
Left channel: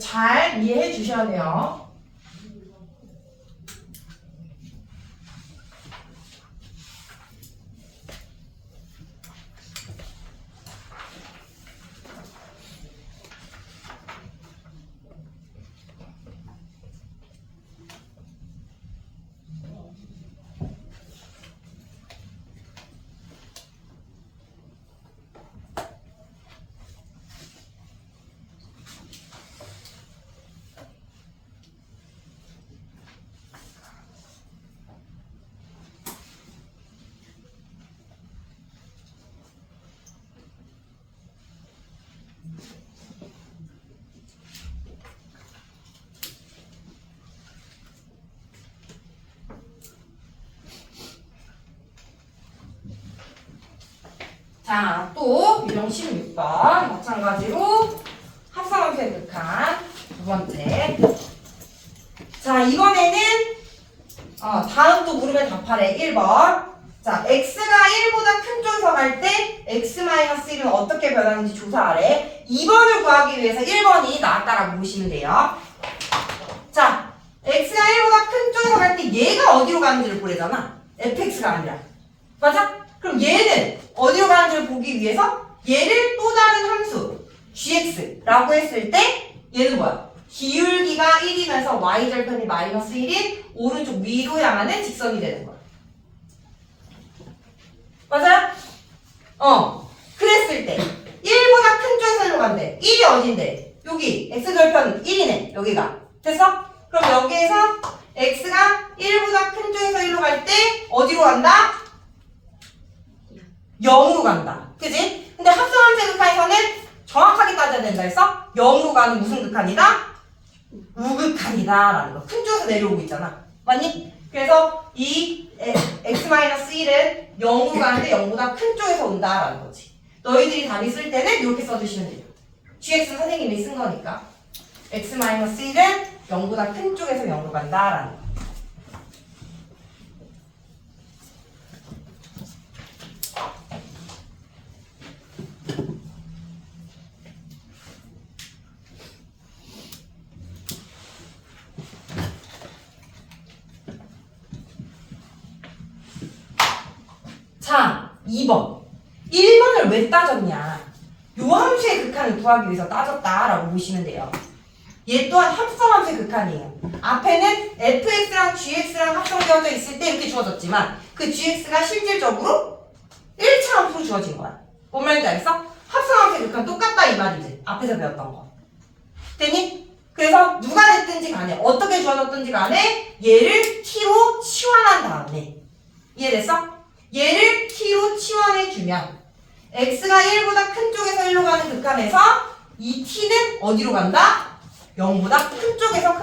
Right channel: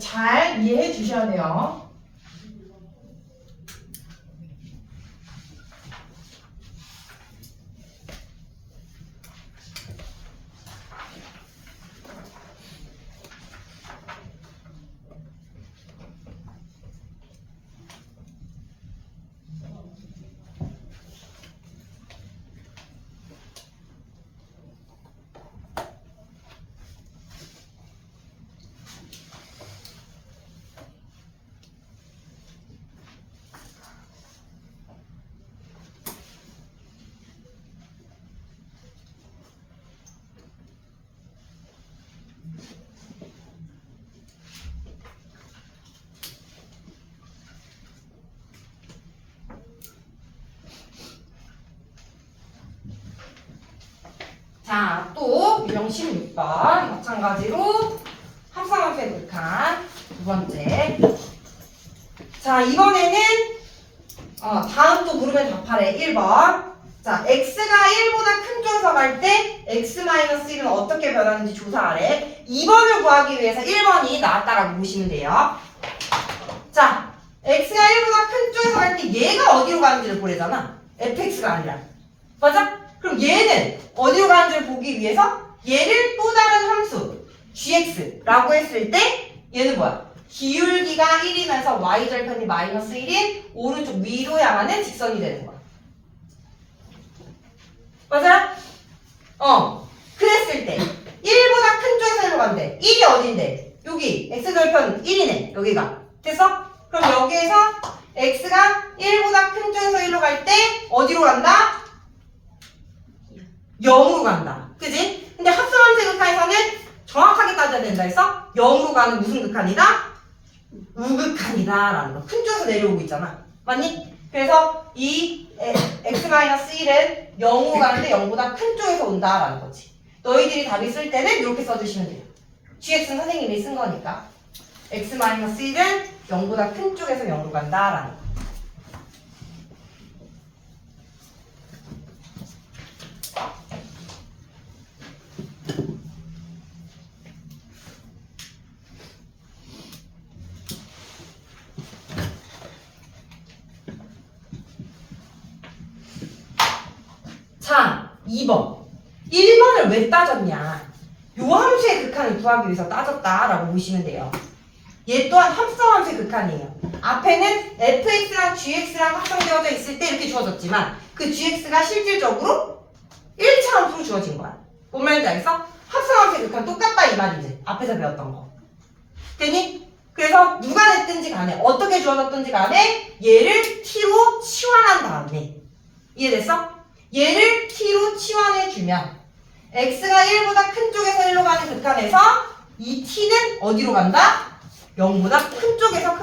잘 이해해 주셔야 돼요. 자, 또 유형 16번 마찬가지로 합성함수의 극한 두 번째. 자, 이번에는 다음 또 물으면 답하래. 1번. 자, x가 1보다 큰 쪽에서 갈 때 x-1은 어떻게 변하는지 조사하래. 2번을 구하기 위해서 1번이 나왔다라고 보시면 돼요. 자, x가 1보다 큰 쪽에서 갈 때 얘가 어디로 가는지를 보래잖아. fx가 아니라. 맞아? 그럼 얘는 어디로 가는지를 보기 위해서 얘를 또 다른 함수 gx라고 했을 때 얘는 뭐야? 기울기가 1이면서 y절편이 마이너스 1인 오른쪽 위로 향하는 직선이 되는 거야. 맞아? 그랬을 때 1보다 큰 쪽에서 간대. 1이 어딘데? 여기 x절편 1이네. 여기가. 됐어? 그럼 여기에서 x가 1보다 큰 쪽에서 1로 갈 때 어디로 간다? 0으로 간다. 그지? 근데 합성함수의 극한에서는 정확하게 따져야 된다 해서 0으로 가는 무슨 극한이다? 우극한이다 라는 거. 큰 쪽에서 내려오고 있잖아. 맞니? 그래서 이 x-1은 0으로 가는데 0보다 큰 쪽에서 온다 라는 거지. 너희들이 답이 쓸 때는 이렇게 써주시면 돼요. gx는 선생님이 쓴 거니까 x-1은 0보다 큰 쪽에서 0으로 간다 라는 거. 자, 2번. 1번을 왜 따졌냐? 요 함수의 극한을 구하기 위해서 따졌다라고 보시면 돼요. 얘 또한 합성함수의 극한이에요. 앞에는 fx랑 gx랑 합성되어져 있을 때 이렇게 주어졌지만 그 gx가 실질적으로 1차 함수로 주어진 거야. 뭔 말인지 알겠어? 합성함수의 극한 똑같다 이 말이지. 앞에서 배웠던 거. 됐니? 그래서 누가 됐든지 간에 어떻게 주어졌든지 간에 얘를 t로 치환한 다음에 이해됐어? 얘를 t로 치환해주면 x가 1보다 큰 쪽에서 1로 가는 극한에서 이 t는 어디로 간다? 0보다 큰 쪽에서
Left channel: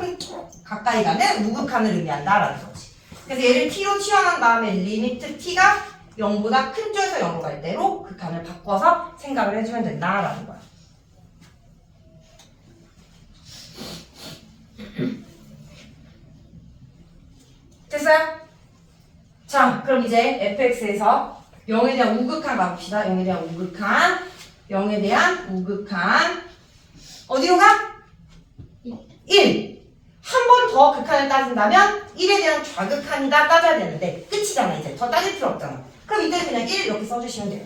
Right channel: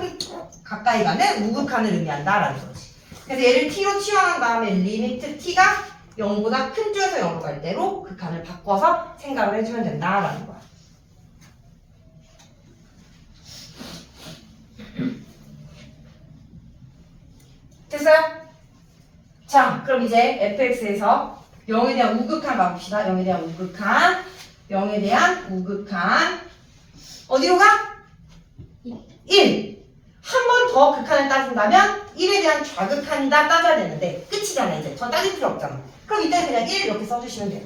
가까이 가는 우극한을 의미한다라는 거지. 그래서 얘를 t로 치환한 다음에 리미트 t가 0보다 큰 쪽에서 0으로 갈 때로 극한을 바꿔서 생각을 해주면 된다라는 거야. 됐어요? 자, 그럼 이제 fx에서 0에 대한 우극한 가봅시다. 0에 대한 우극한, 0에 대한 우극한 어디로 가? 1. 한 번 더 극한을 따진다면 1에 대한 좌극한이다 따져야 되는데 끝이잖아. 이제 더 따질 필요 없잖아. 그럼 이때는 그냥 1 이렇게 써주시면 돼요.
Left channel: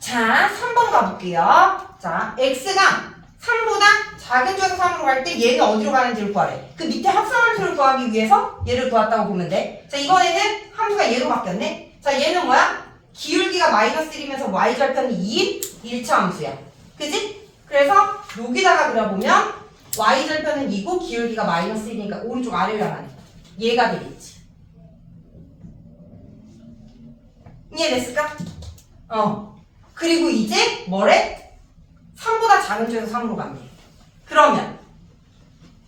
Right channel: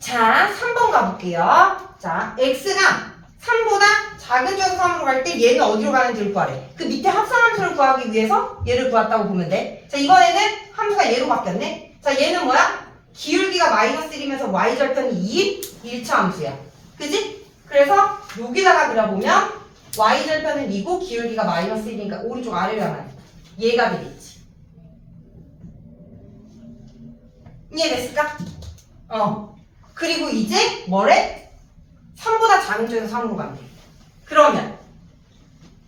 자, 3번 가볼게요. 자, x가 3보다 작은 쪽에서 3으로 갈 때 얘는 어디로 가는지를 구하래. 그 밑에 합성함수를 구하기 위해서 얘를 구했다고 보면 돼. 자, 이번에는 함수가 얘로 바뀌었네. 자, 얘는 뭐야? 기울기가 마이너스 1이면서 y절편이 2인 1차 함수야. 그지? 그래서 여기다가 그려보면 y절편은 2고 기울기가 마이너스 1이니까 오른쪽 아래로 향하네. 얘가 되겠지. 이해됐을까? 그리고 이제 뭐래? 3보다 작은 쪽에서 3으로 간대. 그러면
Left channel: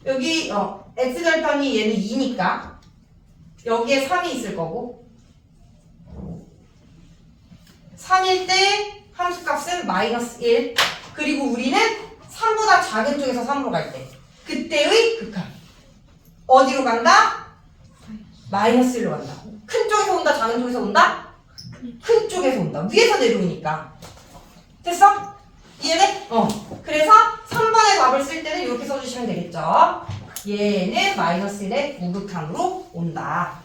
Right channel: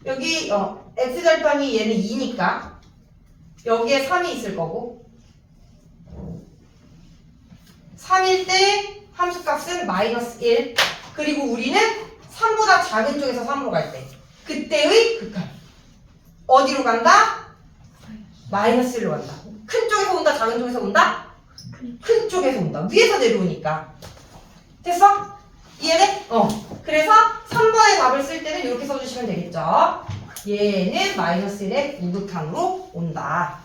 여기 x절편이 얘는 2니까 여기에 3이 있을 거고 3일 때 함수값은 마이너스 1. 그리고 우리는 3보다 작은 쪽에서 3으로 갈 때 그때의 극한 어디로 간다? 마이너스 1로 간다. 큰 쪽에서 온다? 작은 쪽에서 온다? 큰 쪽에서 온다. 위에서 내려오니까. 됐어? 이해돼? 그래서 3번의 답을 쓸 때는 이렇게 써주시면 되겠죠. 얘는 마이너스 1의 우극한으로 온다.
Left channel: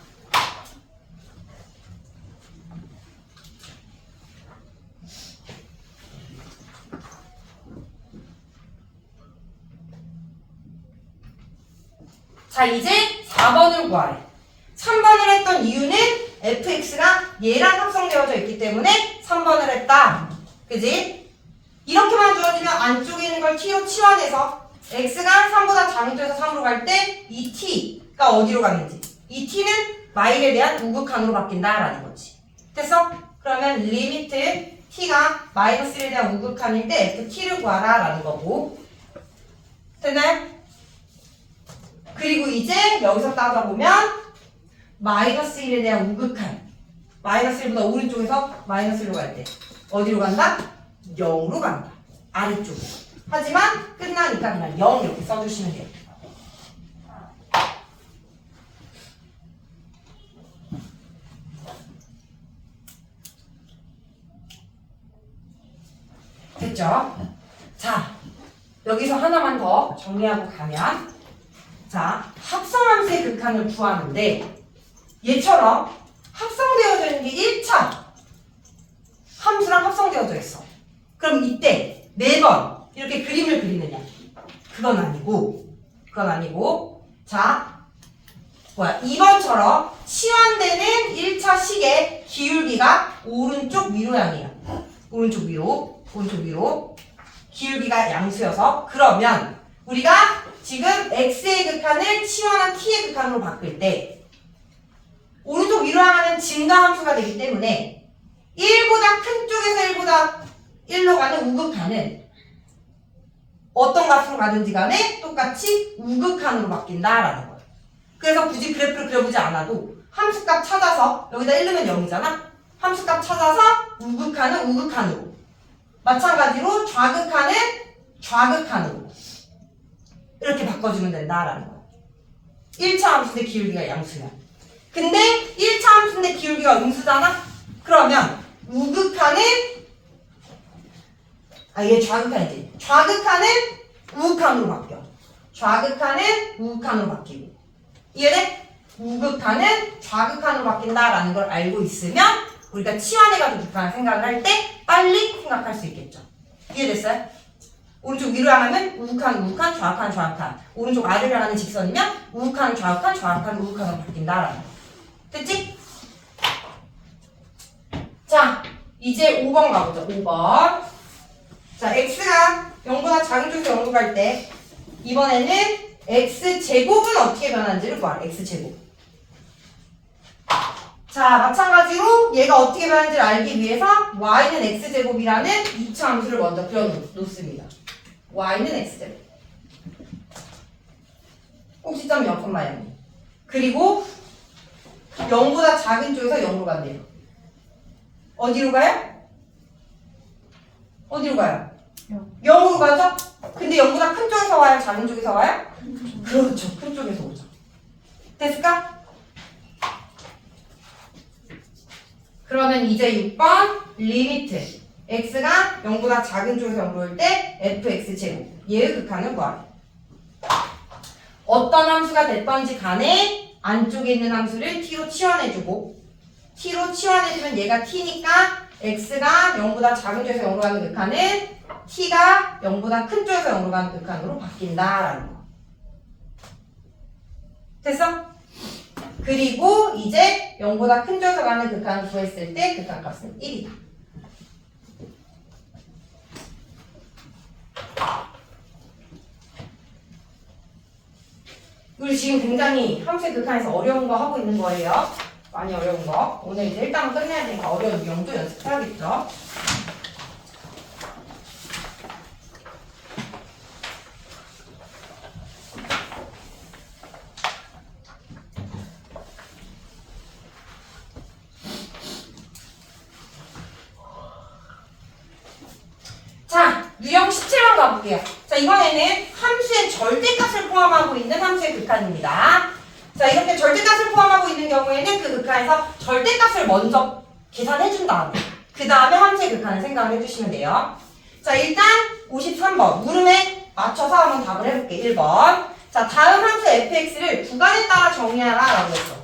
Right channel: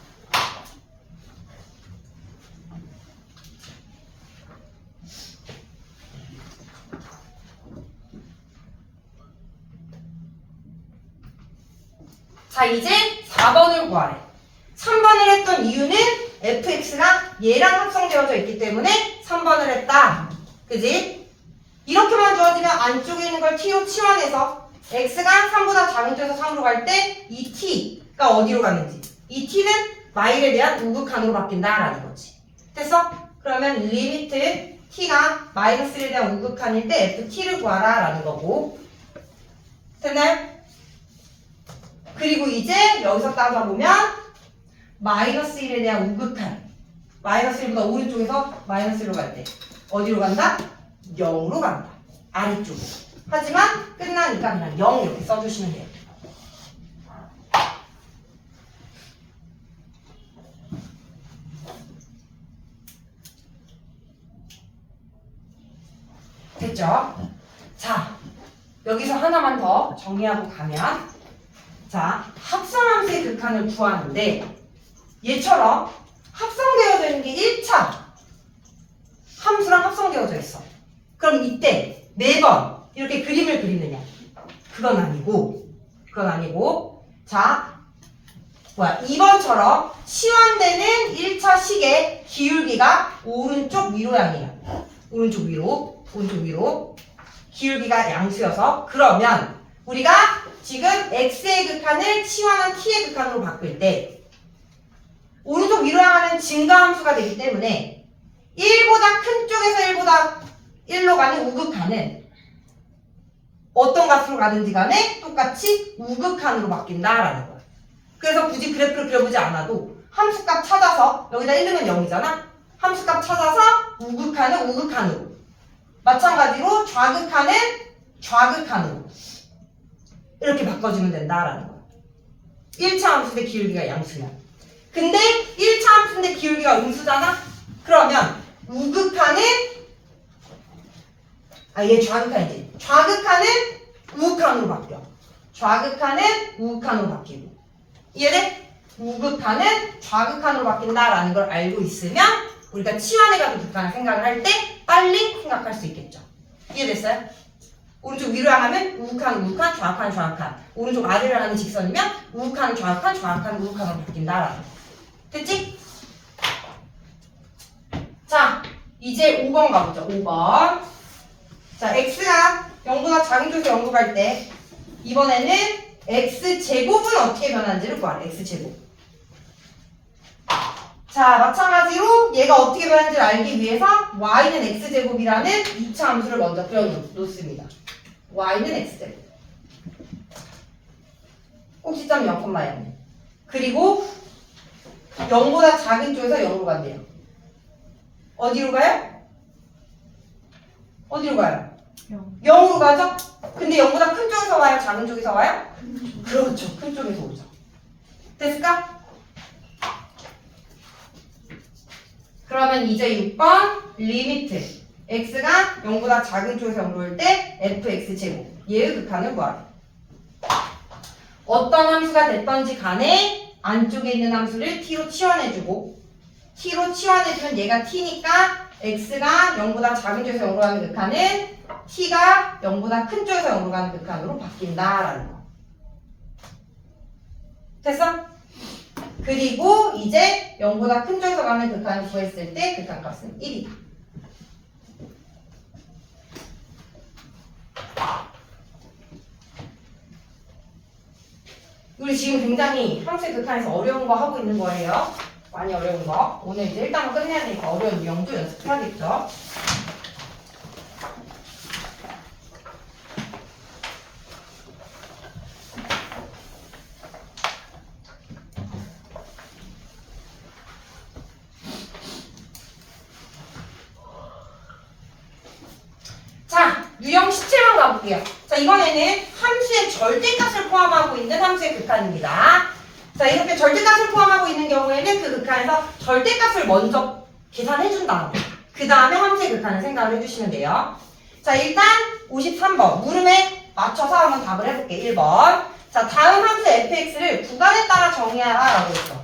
자, 이제 4번을 구하래. 3번을 했던 이유는 fx가 얘랑 합성되어져 있기 때문에 3번을 했다. 그지? 이렇게만 주어지면 안쪽에 있는 걸 t로 치환해서 x가 3보다 작은 쪽에서 3으로 갈 때 이 t가 어디로 가는지 이 t는 y에 대한 우극한으로 바뀐다라는 거지. 됐어? 그러면 리미트 t가 마이너스 1에 대한 우극한일 때 ft를 구하라 라는 거고. 됐나요? 그리고 이제 여기서 따져보면 마이너스 1에 대한 우극한 마이너스 1보다 오른쪽에서 마이너스 1로 갈 때 어디로 간다? 0으로 간다. 아래쪽으로. 하지만 끝나니까 그냥 0 이렇게 써주시면 돼요. 됐죠? 자, 여기서 하나만 더 정리하고 가면 자, 합성함수의 극한을 구하는데 얘처럼 합성되어져 있는 게 1차 함수랑 합성되어져 있어. 그럼 이때 매번 이렇게 그림을 그리느냐? 그건 아니고 자, 2번처럼 치환되는 1차 식의 기울기가 오른쪽 위로 향해요. 오른쪽 위로 기울기가 양수여서 그러면 우리가 지금 x의 극한을 치환한 t의 극한으로 바꿀 때 오른쪽 위로 향하는 증가함수가 되기 때문에 1보다 큰 쪽에서 1보다 1로 가는 우극한은 어떤 값으로 가든지 간에 똑같이 우극한으로 바뀐다라는 거야. 그래서 굳이 그래프를 그려보지 않아도 함수값 찾아서 여기다 1 넣으면 0이잖아. 함수값 찾아서 우극한은 우극한으로 마찬가지로 좌극한은 좌극한으로 이렇게 바꿔주면 된다라는 거야. 1차 함수인데 기울기가 양수야. 근데 1차 함수인데 기울기가 음수잖아? 그러면 우극한은 얘 좌극한이지. 좌극한은 우극한으로 바뀌어. 좌극한은 우극한으로 바뀌고. 이해돼? 우극한은 좌극한으로 바뀐다라는 걸 알고 있으면 우리가 치환해가지고 극한을 생각을 할 때 빨리 생각할 수 있겠죠. 이해됐어요? 오른쪽 위로 향하면 우극한, 우극한, 좌극한, 좌극한. 오른쪽 아래로 향하는 직선이면 우극한, 좌극한, 좌극한, 우극한으로 바뀐다라는 거. 됐지? 자, 이제 5번 가보죠. 5번. 자, x가 0보다 작은 쪽에서 0으로 갈 때 이번에는 x제곱은 어떻게 변하는지를 구하래. x제곱. 자, 마찬가지로 얘가 어떻게 변하는지를 알기 위해서 y는 x제곱이라는 2차 함수를 먼저 그려놓습니다. y는 x제곱. 꼭지점 0,0. 그리고 0보다 작은 쪽에서 0으로 간대요. 어디로 가요? 어디로 가요? 0으로 가죠? 근데 0보다 큰 쪽에서 와요? 작은 쪽에서 와요? 그렇죠. 큰 쪽에서 오죠. 됐을까? 그러면 이제 6번 리미트 x가 0보다 작은 쪽에서 0으로 올 때 fx제곱 얘의 극한을 구하래. 어떤 함수가 됐던지 간에 안쪽에 있는 함수를 t로 치환해주고 t로 치환해주면 얘가 t니까 x가 0보다 작은 쪽에서 0으로 가는 극한은 t가 0보다 큰 쪽에서 0으로 가는 극한으로 바뀐다라는 거. 됐어? 그리고 이제 0보다 큰 쪽에서 가는 극한을 구했을 때 극한값은 1이다. 우리 지금 굉장히 함수의 극한에서 어려운 거 하고 있는 거예요. 많이 어려운 거. 오늘 이제 일단은 끝내야 되니까 어려운 유형도 연습해야겠죠. 자, 유형 17번 가볼게요. 자, 이번에는 함수의 절대값을 포함하고 있는 함수의 극한입니다. 자, 이렇게 절대값을 포함하고 있는 경우에는 그 극한에서 절대값을 먼저 계산해준 다음에 그 다음에 함수의 극한을 생각을 해주시면 돼요. 자, 일단 53번 물음에 맞춰서 한번 답을 해볼게. 1번. 자, 다음 함수 fx를 구간에 따라 정의하라 라고 했어.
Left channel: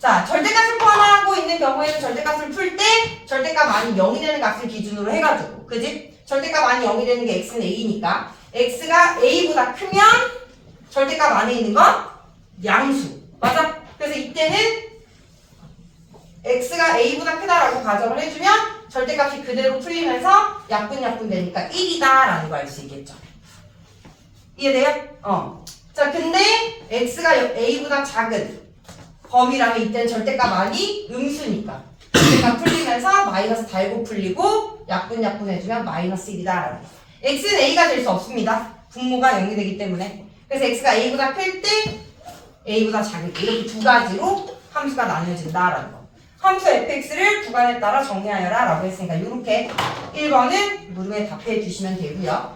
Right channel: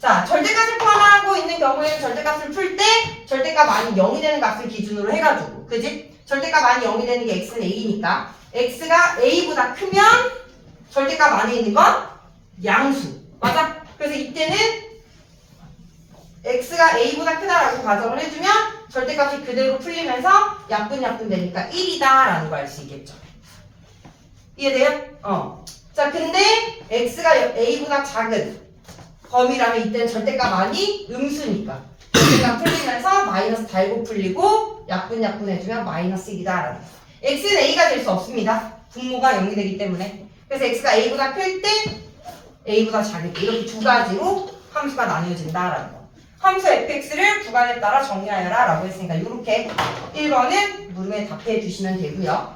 자, 절대값을 포함하고 있는 경우에는 절대값을 풀 때 절대값 아닌 0이 되는 값을 기준으로 해가지고 그지? 절대값 아닌 0이 되는 게 x는 a니까 x가 a보다 크면 절대값 안에 있는 건 양수. 맞아? 그래서 이때는 x가 a보다 크다라고 가정을 해주면 절대값이 그대로 풀리면서 약분 되니까 1이다 라는 거 알 수 있겠죠. 이해돼요? 자, 근데 x가 a보다 작은 범위라면 이때는 절대값 아니 음수니까 절대값 풀리면서 마이너스 달고 풀리고 약분 해주면 마이너스 1이다 라는 거. x는 a가 될 수 없습니다. 분모가 0이 되기 때문에. 그래서 x가 a보다 클 때 a보다 작을 때 이렇게 두 가지로 함수가 나뉘어진다라는 거. 함수 fx를 구간에 따라 정리하여라 라고 했으니까 이렇게 1번은 물음에 답해 주시면 되고요.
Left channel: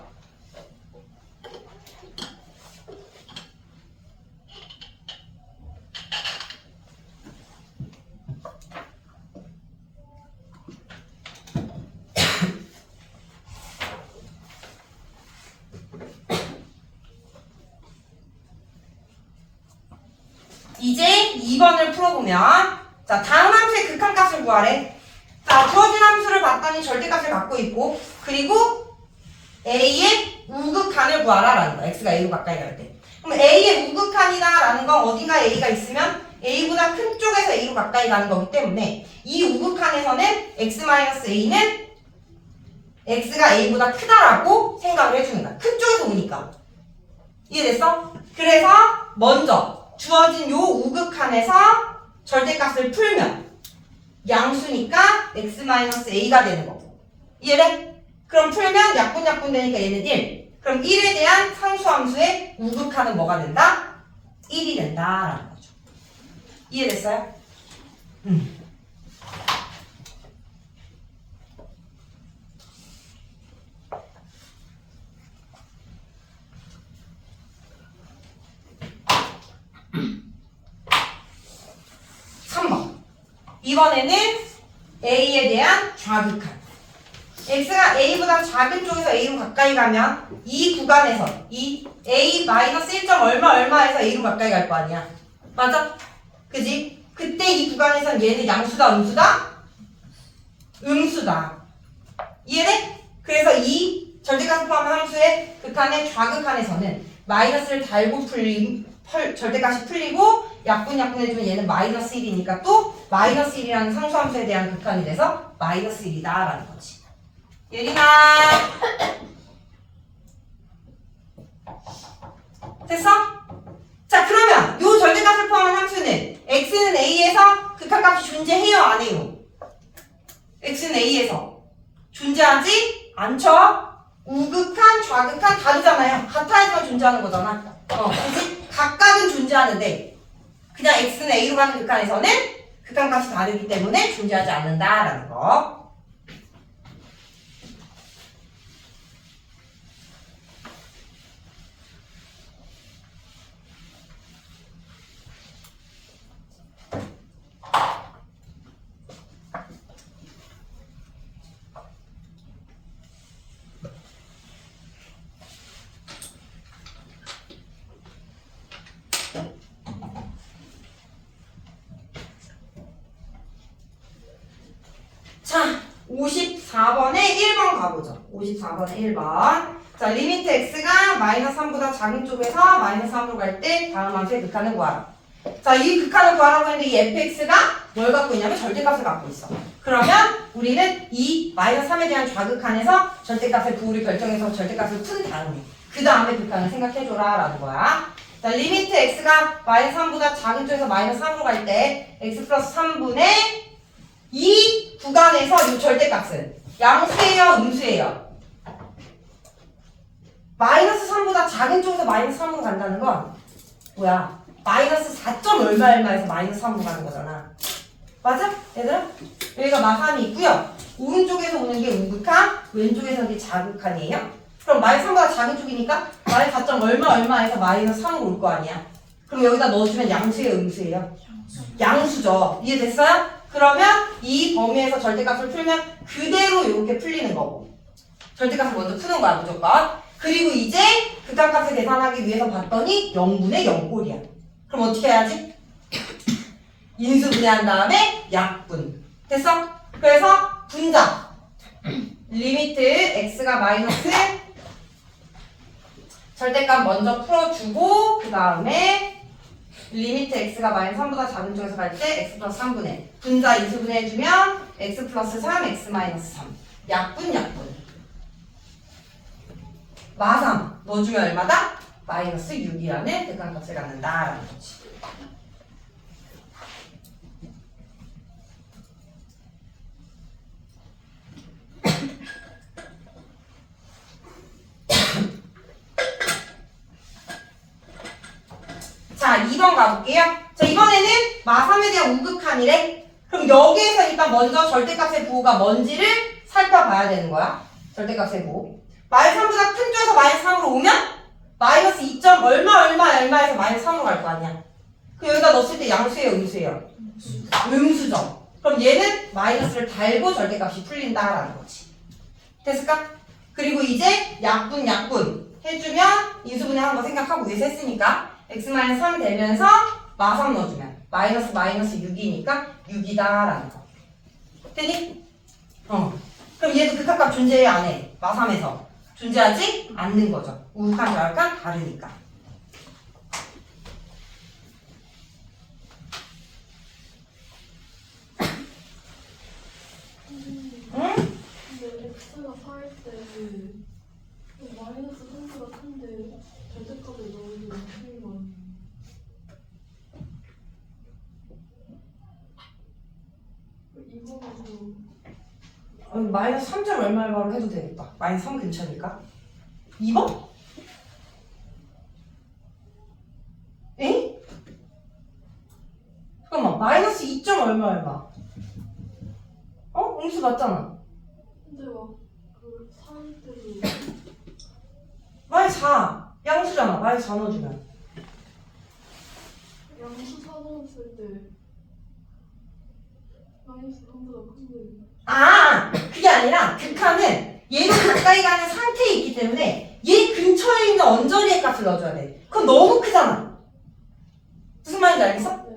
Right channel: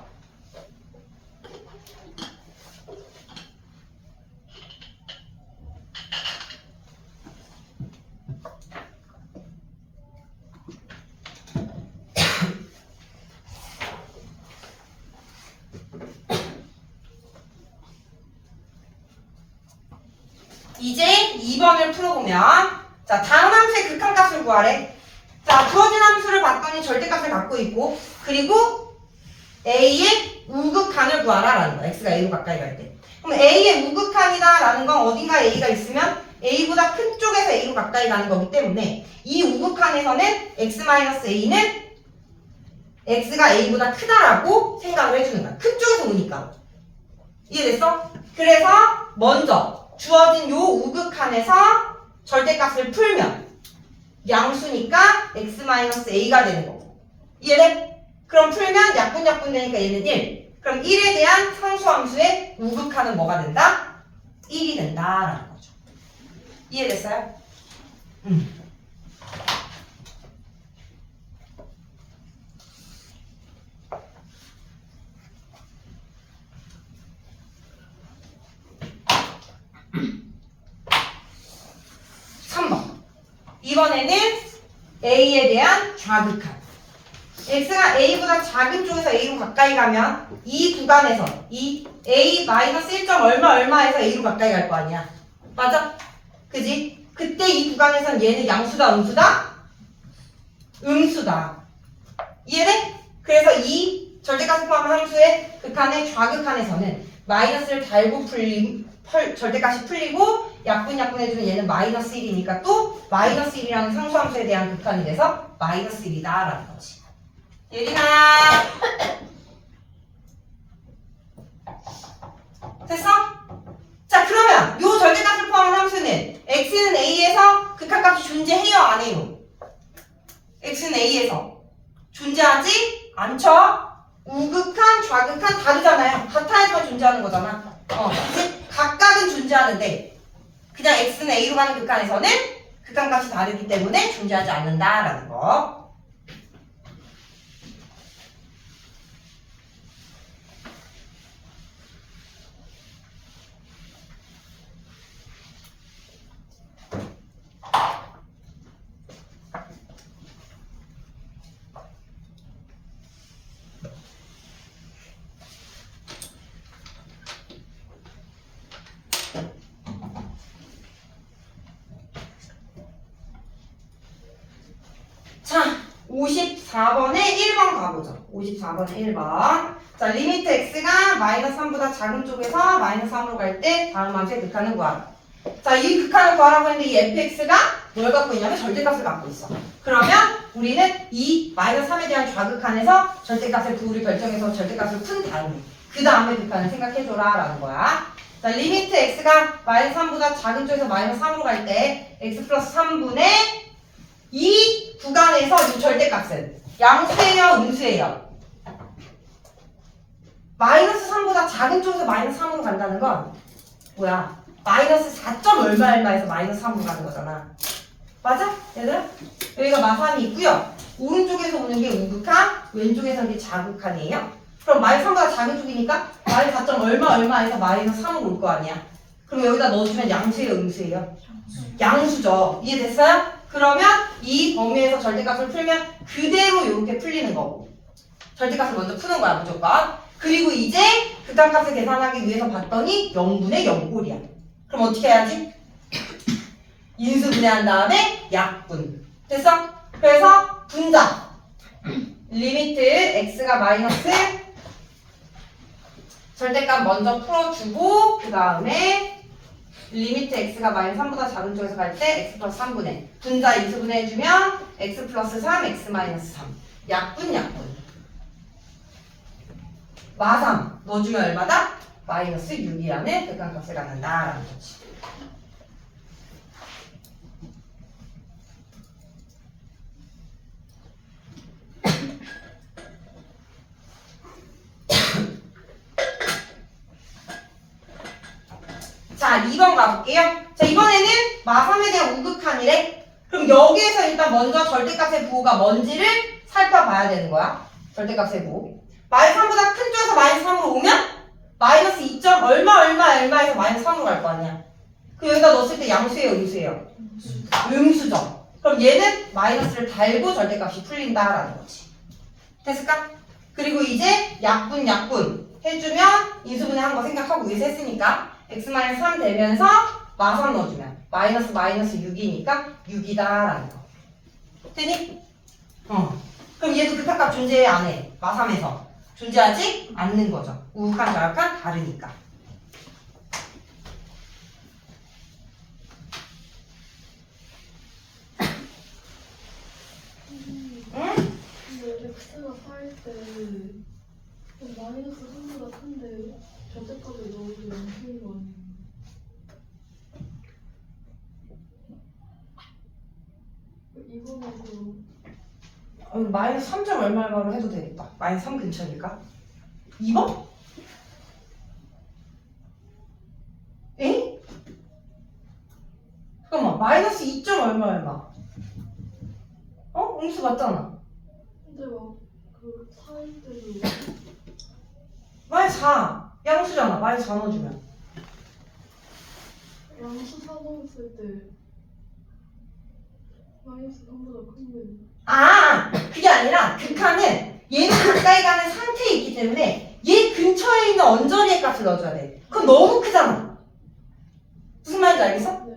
이제 2번을 풀어보면 자, 다음 함수의 극한값을 구하래. 자, 주어진 함수를 봤더니 절대값을 갖고 있고 그리고 a의 우극한을 구하라 라는 거야. x가 a로 가까이 갈 때. 그럼 a의 우극한이다 라는 건 어딘가에 a가 있으면 a보다 큰 쪽에서 a로 가까이 가는 거기 때문에 이 우극한에서는 x-a는 x가 a보다 크다라고 생각을 해주는 거야. 큰 쪽에서 오니까. 이해됐어? 그래서 먼저 주어진 요 우극한에서 절대값을 풀면 양수니까 x-a가 되는 거고. 이해돼? 그럼 풀면 약분 되니까 얘는 1. 그럼 1에 대한 상수함수의 우극한은 뭐가 된다? 1이 된다라는 거죠. 이해됐어요? 3번. 이번에는 a에 대한 좌극한. x가 a보다 작은 쪽에서 a로 가까이 가면 이 구간에서 이 a-1. 얼마에서 a로 가까이 갈 거 아니야. 맞아? 그지? 그때 이 구간에서는 얘는 양수다, 음수다? 음수다. 이해돼? 그래서 이 절대값을 포함한 함수의 극한의 좌극한에서는 마이너스를 달고 절대값이 풀리고 약분해주면 얘는 마이너스 1이니까 또 마이너스 1이라는 상수함수에 대한 극한이 돼서 마이너스 1이다 라는 거지. 예린아 됐어? 자 그러면 요 절대값을 포함한 함수는 x는 a에서 극한값이 존재해요 안 해요? x는 a에서 존재하지 않죠? 우극한 좌극한 다르잖아요. 같아야지만 존재하는 거잖아. 그치? 각각은 존재하는데 그냥 x는 a로 가는 극한에서는 극한값이 다르기 때문에 존재하지 않는다라는 거. 자, 54번에 1번 가보죠. 54번에 1번. 자, 리미트 x가 마이너스 3보다 작은 쪽에서 마이너스 3으로 갈 때 다음 함수의 극한을 구하라. 자, 이 극한을 구하라고 했는데 이 fx가 뭘 갖고 있냐면 절대값을 갖고 있어. 그러면 우리는 이 마이너스 3에 대한 좌극한에서 절대값의 부호를 결정해서 절대값을 푼 다음에 그 다음에 극한을 생각해줘라 라는 거야. 자, 리미트 x가 마이너스 3보다 작은 쪽에서 마이너스 3으로 갈 때 x 플러스 3분의 이 구간에서 이 절대값은 양수예요, 음수예요? 마이너스 3보다 작은 쪽에서 마이너스 3으로 간다는 건 뭐야? 마이너스 4점 얼마 얼마에서 마이너스 3으로 가는 거잖아. 맞아? 얘들아? 여기가 마삼이 있고요. 오른쪽에서 오는 게 우극한, 왼쪽에서 오는 게 좌극한이에요. 그럼 마이너스 3보다 작은 쪽이니까 마이너스 4점 얼마 얼마에서 마이너스 3으로 올 거 아니야. 그럼 여기다 넣어주면 양수예요, 음수예요? 양수죠. 이해됐어요? 그러면 이 범위에서 절대값을 풀면 그대로 이렇게 풀리는 거고 절대값을 먼저 푸는 거야 무조건. 그리고 이제 극한값을 계산하기 위해서 봤더니 0분의 0꼴이야. 그럼 어떻게 해야지? 인수분해한 다음에 약분. 됐어? 그래서 분자 리미트 x가 마이너스 절대값 먼저 풀어주고 그 다음에 리미트 x가 마이너스 3보다 작은 쪽에서 갈 때 x 플러스 3분의 분자 인수분해 해주면 x 플러스 3, x 마이너스 3 약분 마삼 넣어주면 얼마다? 마이너스 6이라는 극한값을 갖는다라는 거지. 자, 2번 가볼게요. 자, 이번에는 마3에 대한 우극한이래. 그럼 여기에서 일단 먼저 절대값의 부호가 뭔지를 살펴봐야 되는 거야. 절대값의 부호. 마이너스 3보다 큰 쪽에서 마이너스 3으로 오면 마이너스 2점 얼마에서 마이너스 3으로 갈 거 아니야. 그 여기다 넣었을 때 양수예요, 음수예요? 음수죠. 그럼 얘는 마이너스를 달고 절대값이 풀린다라는 거지. 됐을까? 그리고 이제 약분 해주면 인수분해한 거 생각하고 위에서 했으니까 x-3 되면서 마3 넣어주면 마이너스 6이니까 6이다라는 거. 되니? 그럼 얘도 극한값 존재해 안 해? 마3에서 존재하지 않는 거죠. 우극한 좌극한 다르니까. 응? 근데 x가 4일 때 마이너스 3보다 큰데 절대값을 넣으면 틀린 거 아니에요? 이거에서 마이너스 3점 얼마로 해도 되겠다. 마이너스 3 근처니까. 2번? 에? 잠깐만. 마이너스 2점 얼마. 음수 맞잖아. 근데 막그 4일 때도 마이너스 4. 양수잖아. 마이너스 4 넣어주면. 양수 4 넣었을 때 마이너스 3보다 큰데 그게 아니라 극한은 얘도 가까이 가는 상태에 있기 때문에 얘 근처에 있는 언저리의 값을 넣어줘야 돼. 그럼 너무 크잖아. 무슨 말인지 알겠어? 네.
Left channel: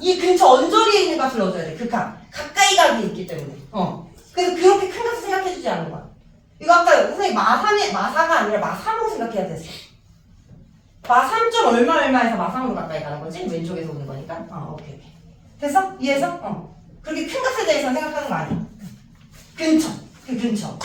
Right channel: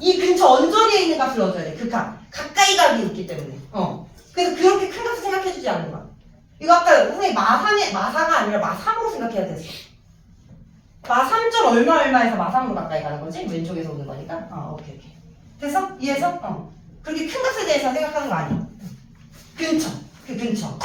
이 근처 언저리에 있는 값을 넣어줘야 돼. 극한. 가까이 가게 있기 때문에. 그래서 그렇게 큰 값을 생각해주지 않는 거야. 이거 아까 선생님 얼마에서 마삼으로 가까이 가는 거지? 왼쪽에서 오는 거니까. 오케이. 됐어? 이해해서? 그렇게 큰 값에 대해서 생각하는 거 아니야. 근처. 그 근처.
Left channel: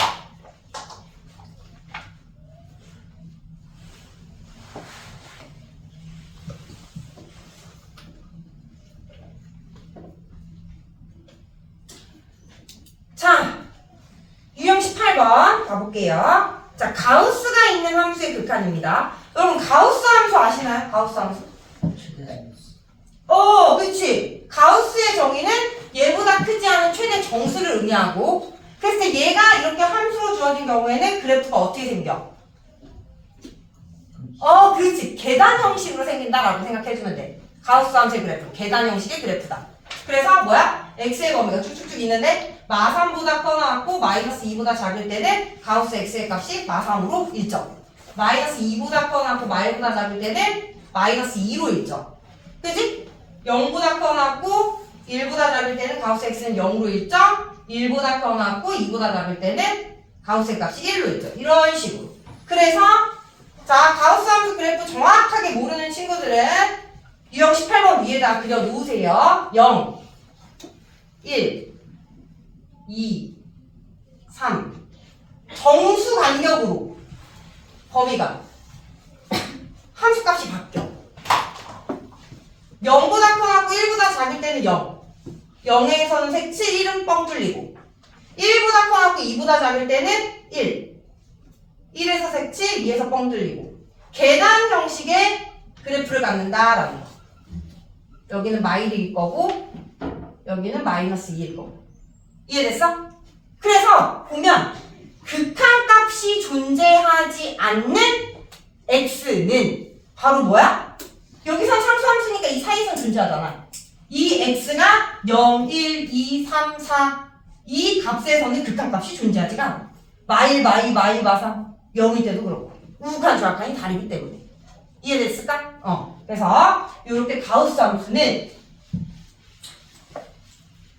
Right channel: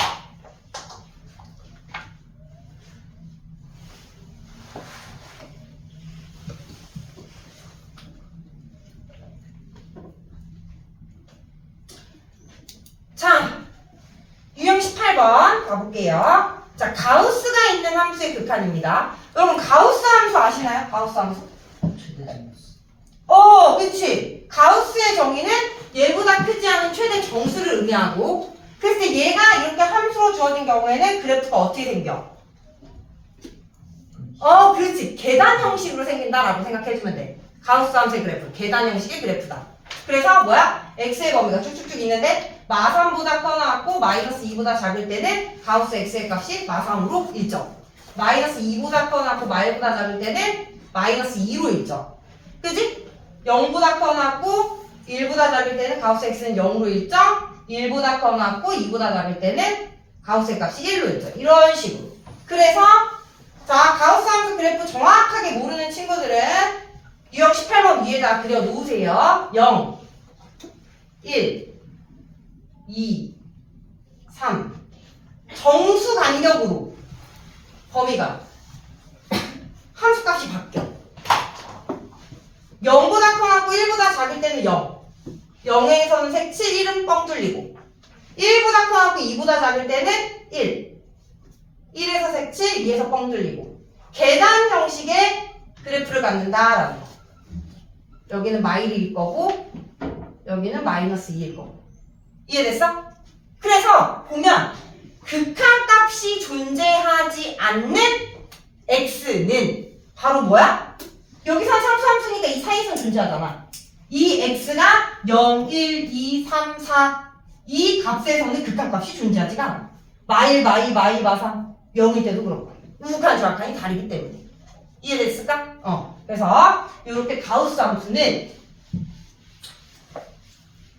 자, 유형 18번 가볼게요. 자, 가우스가 있는 함수의 극한입니다. 여러분, 가우스 함수 아시나요? 가우스 함수? 그치. 가우스의 정의는 얘보다 크지 않은 최대 정수를 의미하고, 그랬을 때 얘가 이렇게 함수로 주어진 경우에는 그래프가 어떻게 생겨? 그렇지. 계단 형식으로 생긴다라고 생각해주면 돼. 가우스 함수의 그래프. 계단 형식의 그래프다. 그래서 뭐야? x의 범위가 쭉쭉쭉 있는데 마3보다 커나왔고 마이너스 2보다 작을 때는 가우스 x의 값이 마3으로 일정. 마이너스 2보다 커나왔고 마이보다 작을 때는 마이너스 2로 일정. 그지? 0보다 커나왔고 1보다 작을 때는 가우스 x는 0으로 일정. 1보다 커나왔고 2보다 작을 때는 가우스의 값이 1로 일정. 이런 식으로. 그래서 자, 가우스 함수 그래프 정확하게 모르는 친구들은 유형 18번 위에다 그려 놓으세요. 0, 1, 2, 3. 정수 간격으로 범위가 함수값이 바뀌어. 0보다 커나고 1보다 작을 때는 0. 0에서는 색칠 1은 뻥 뚫리고 1보다 커나고 2보다 작을 때는 1. 1에서 색칠 2에서 뻥 뚫리고 계단 형식의 그래프를 갖는다라는 거. 여기는 마이너스 1일 거고 여기는 마이너스 2일 거고. 이해됐어? 그래서 보면 극한값이 존재하지 않는 x는 바로 뭐야? 여기선 상수함수니까 이 사이선 존재하잖아. 이 x가 0, 1, 2, 3, 4 이 값에서는 극한값이 존재하지가 않아. 마사 0일 때도 그렇고 우극한 좌극한이 다르기 때문에. 이해됐을까? 그래서 이렇게 가우스 함수는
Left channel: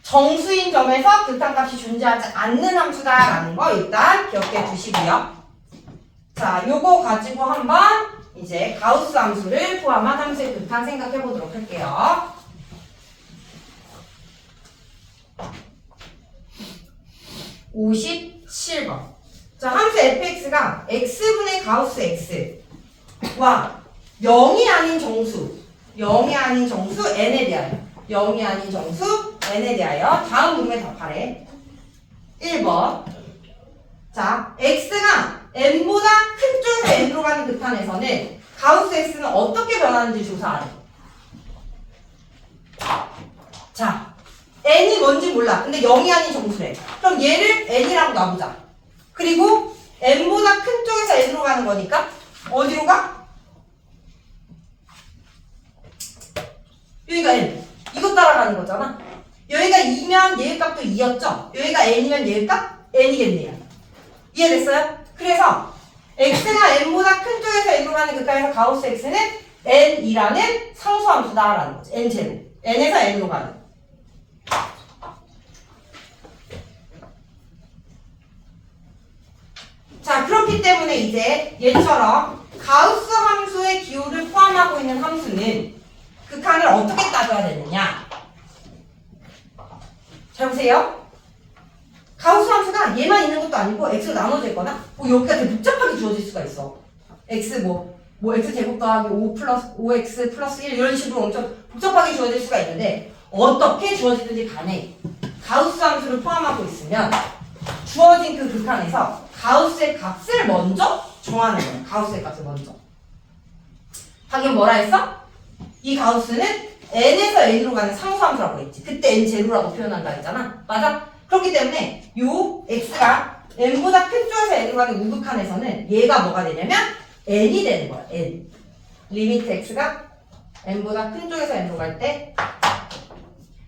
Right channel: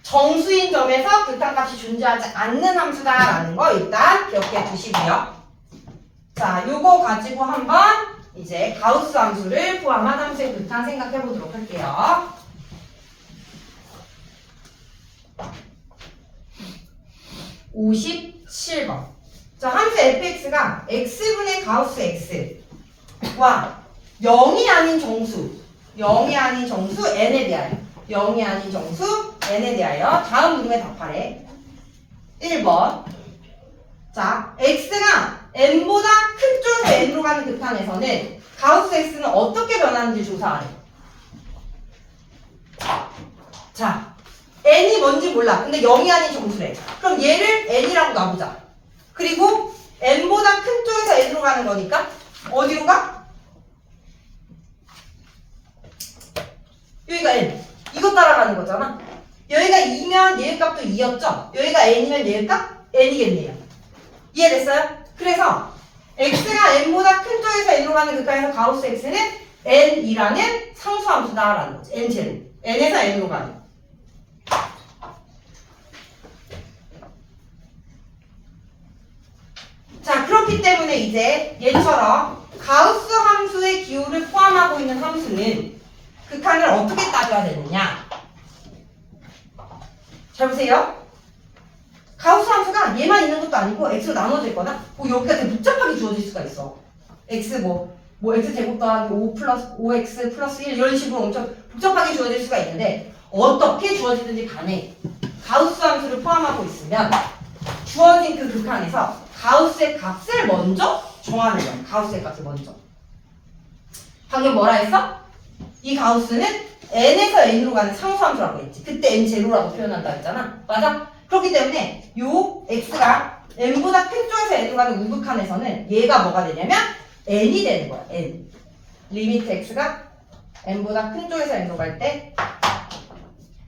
정수인 점에서 극한값이 존재하지 않는 함수다라는 거 일단 기억해 두시고요. 자, 요거 가지고 한번 이제 가우스 함수를 포함한 함수의 극한 생각해 보도록 할게요. (57번) 자, 함수 fx가 x분의 가우스 x와 0이 아닌 정수 n에 대하여 0이 아닌 정수 n에 대하여 다음 문에 답하래. 1번. 자, x가 n보다 큰 쪽에서 n으로 가는 극한에서는 가우스 x는 어떻게 변하는지 조사하래. 자, n이 뭔지 몰라. 근데 0이 아닌 정수래. 그럼 얘를 n이라고 놔보자. 그리고 n보다 큰 쪽에서 n으로 가는 거니까 어디로 가? 여기가 n. 이거 따라가는 거잖아. 여기가 2면 얘의 값도 2였죠? 여기가 n이면 얘의 값? n이겠네요. 이해됐어요? 그래서 x가 n보다 큰 쪽에서 n으로 가는 극한에서 가우스 x는 n이라는 상수함수다라는 거지. n제로. n에서 n으로 가는. 자, 그렇기 때문에 이제 얘처럼 가우스 함수의 기호를 포함하고 있는 함수는 극한을 어떻게 따져야 되느냐? 잘 보세요. 가우스 함수가 얘만 있는 것도 아니고 x로 나눠져 있거나 여기가 되게 복잡하게 주어질 수가 있어. x x제곱 더하기 5 플러스 5x 플러스 1 이런 식으로 엄청 복잡하게 주어질 수가 있는데 어떻게 주어지든지 간에 가우스 함수를 포함하고 있으면 주어진 그 극한에서 가우스의 값을 먼저 정하는 거야. 가우스의 값을 먼저. 방금 뭐라 했어? 이 가우스는 n에서 n으로 가는 상수함수라고 했지. 그때 n0라고 표현한다 했잖아. 맞아? 그렇기 때문에 요 x가 n보다 큰 쪽에서 n으로 가는 우극한에서는 얘가 뭐가 되냐면 n이 되는 거야. n. 리미트 x가 n보다 큰 쪽에서 n으로 갈 때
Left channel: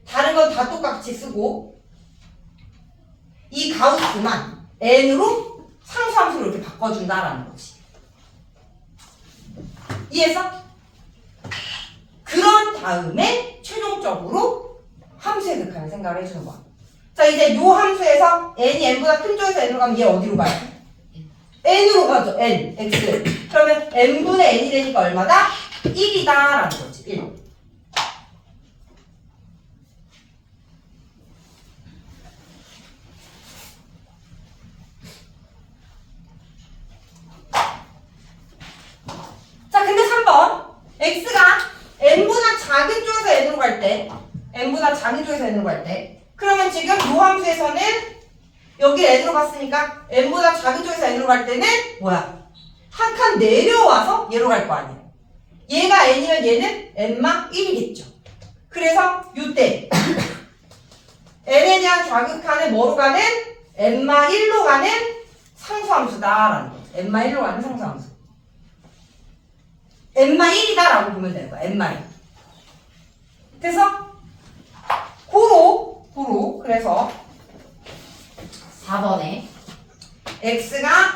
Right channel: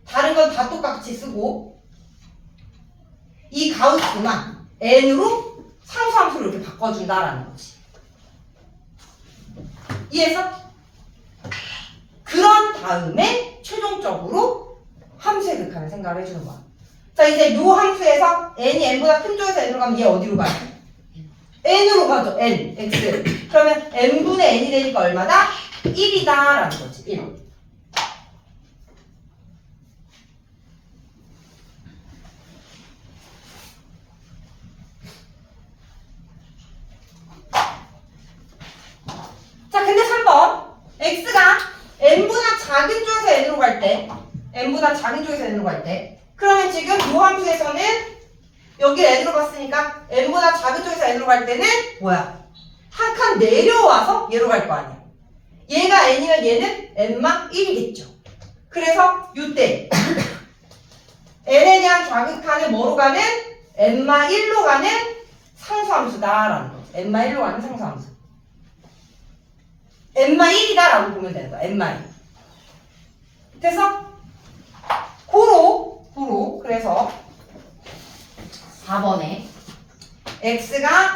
다른 건 다 똑같이 쓰고 이 가우스만 n으로 상수함수로 이렇게 바꿔준다라는 거지. 이해했어? 그런 다음에 최종적으로 함수의 극한을 생각을 해주는 거야. 자, 이제 요 함수에서 n이 n보다 큰 쪽에서 n으로 가면 얘 어디로 가요? n으로 가죠. n, x. 그러면 n분의 n이 되니까 얼마다? 1이다라는 거지. 1. 자, 근데 3번. x가 n보다 작은 쪽에서 n으로 갈 때, n보다 작은 쪽에서 n으로 갈 때, 그러면 지금 이 함수에서는 여기 n으로 갔으니까 n보다 작은 쪽에서 n으로 갈 때는 뭐야? 한 칸 내려와서 얘로 갈 거 아니야. 얘가 n이면 얘는 n마 1이겠죠. 그래서 이때 n에 대한 좌극한을 뭐로 가는? n마 1로 가는 상수함수다라는 거죠. n마 1로 가는 상수함수. n마 1이다라고 보면 되는 거야. n마 1. 됐어? 고로 그래서 4번에 x가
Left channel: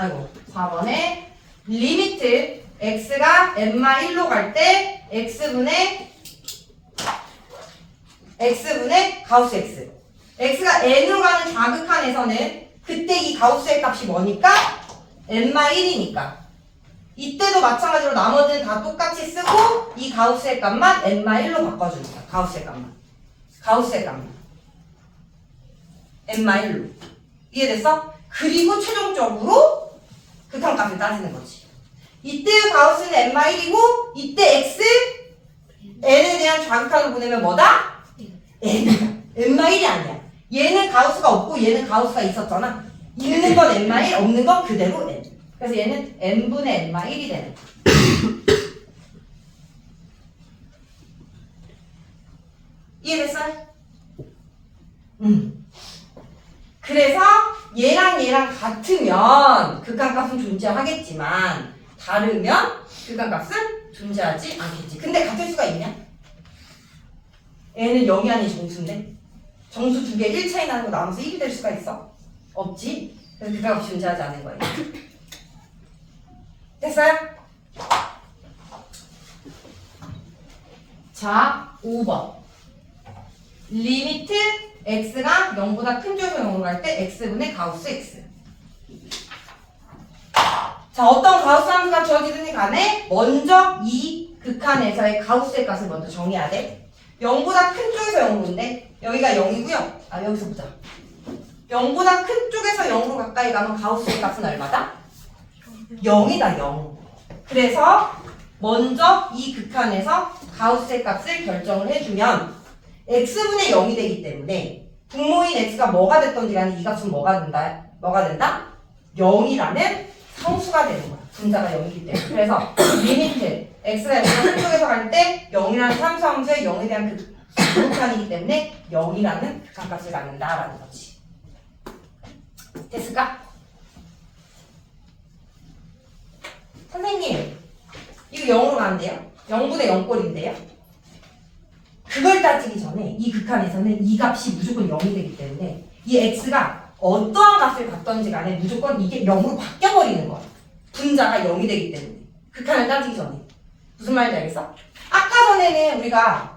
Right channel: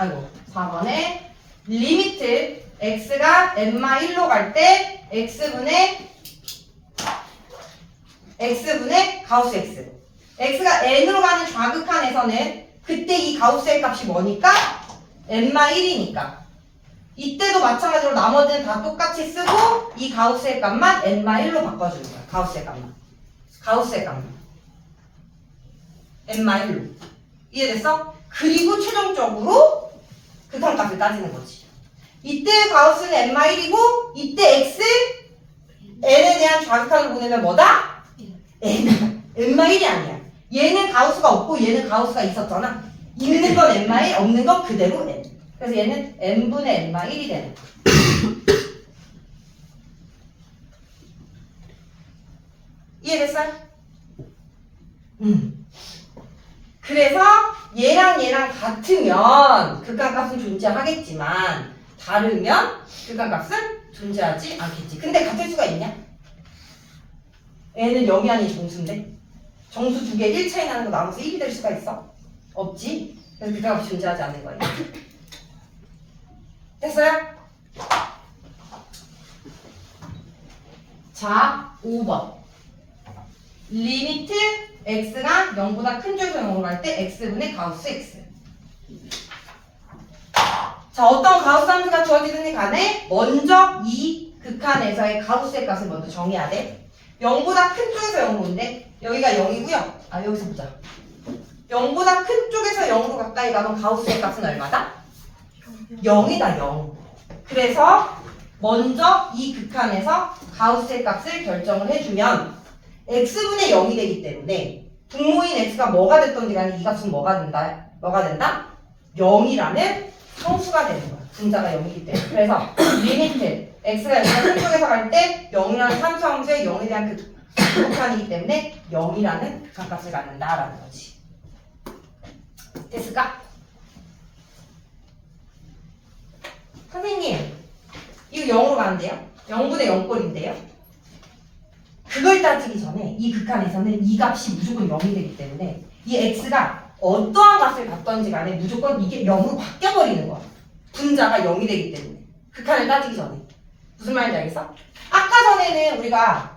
4번에 리미트 x가 n마 1로 갈 때 x분의 가우스 x. x가 n으로 가는 좌극한에서는 그때 이 가우스의 값이 뭐니까? n마 1이니까. 이때도 마찬가지로 나머지는 다 똑같이 쓰고 이 가우스의 값만 n마 1로 바꿔주는 거야. 가우스의 값만 n마 1로. 이해됐어? 그리고 최종적으로 극한값을 따지는 거지. 이때 가우스는 n마 1이고 이때 x n에 대한 좌극한을 보내면 뭐다? n마 1이 아니야. 얘는 가우스가 없고 얘는 가우스가 있었잖아. 있는 건 n마 1, 없는 건 그대로 n. 그래서 얘는 n분의 n마 1이 되는 거야. 이해됐어요? 그래서 얘랑 같으면 극한값은 존재하겠지만 다르면 극한값은 존재하지 않겠지. 근데 같을 수가 있냐? n은 0이 아닌 정수인데 정수 두 개 1 차이 나는 거 나누면서 1이 될 수가 있어? 없지. 그래서 극한값이 존재하지 않는 거예요. 됐어요? 자, 5번. 리미트 x가 0보다 큰 쪽에서 0으로 갈 때 x분의 가우스 x. 자, 어떤 가우스 함수가 주어지든지 간에 먼저 이 극한에서의 가우스의 값을 먼저 정해야 돼. 0보다 큰 쪽에서 0으로 온대. 여기가 0이고요. 아, 여기서 보자. 0보다 큰 쪽에서 0으로 가까이 가면 가우스의 값은 얼마다? 0이다, 0. 그래서 먼저 이 극한에서 가우스의 값을 결정을 해주면 x분의 0이 되기 때문에 분모인 x가 뭐가 됐던지 간에 이 값은 뭐가 된다? 0이라는 상수가 되는 거야. 분자가 0이기 때문에. 그래서 리미트 x가 0보다 큰 쪽에서 갈 때 0이라는 상수함수에 0에 대한 극한이기 때문에 0이라는 극한값을 갖는다라는 거지. 됐을까? 선생님, 이거 0으로 가는데요? 0분의 0꼴인데요? 그걸 따지기 전에 이 극한에서는 이 값이 무조건 0이 되기 때문에 이 x가 어떠한 값을 갖던지 간에 무조건 이게 0으로 바뀌어버리는 거야. 분자가 0이 되기 때문에. 극한을 따지기 전에. 무슨 말인지 알겠어? 아까 전에는 우리가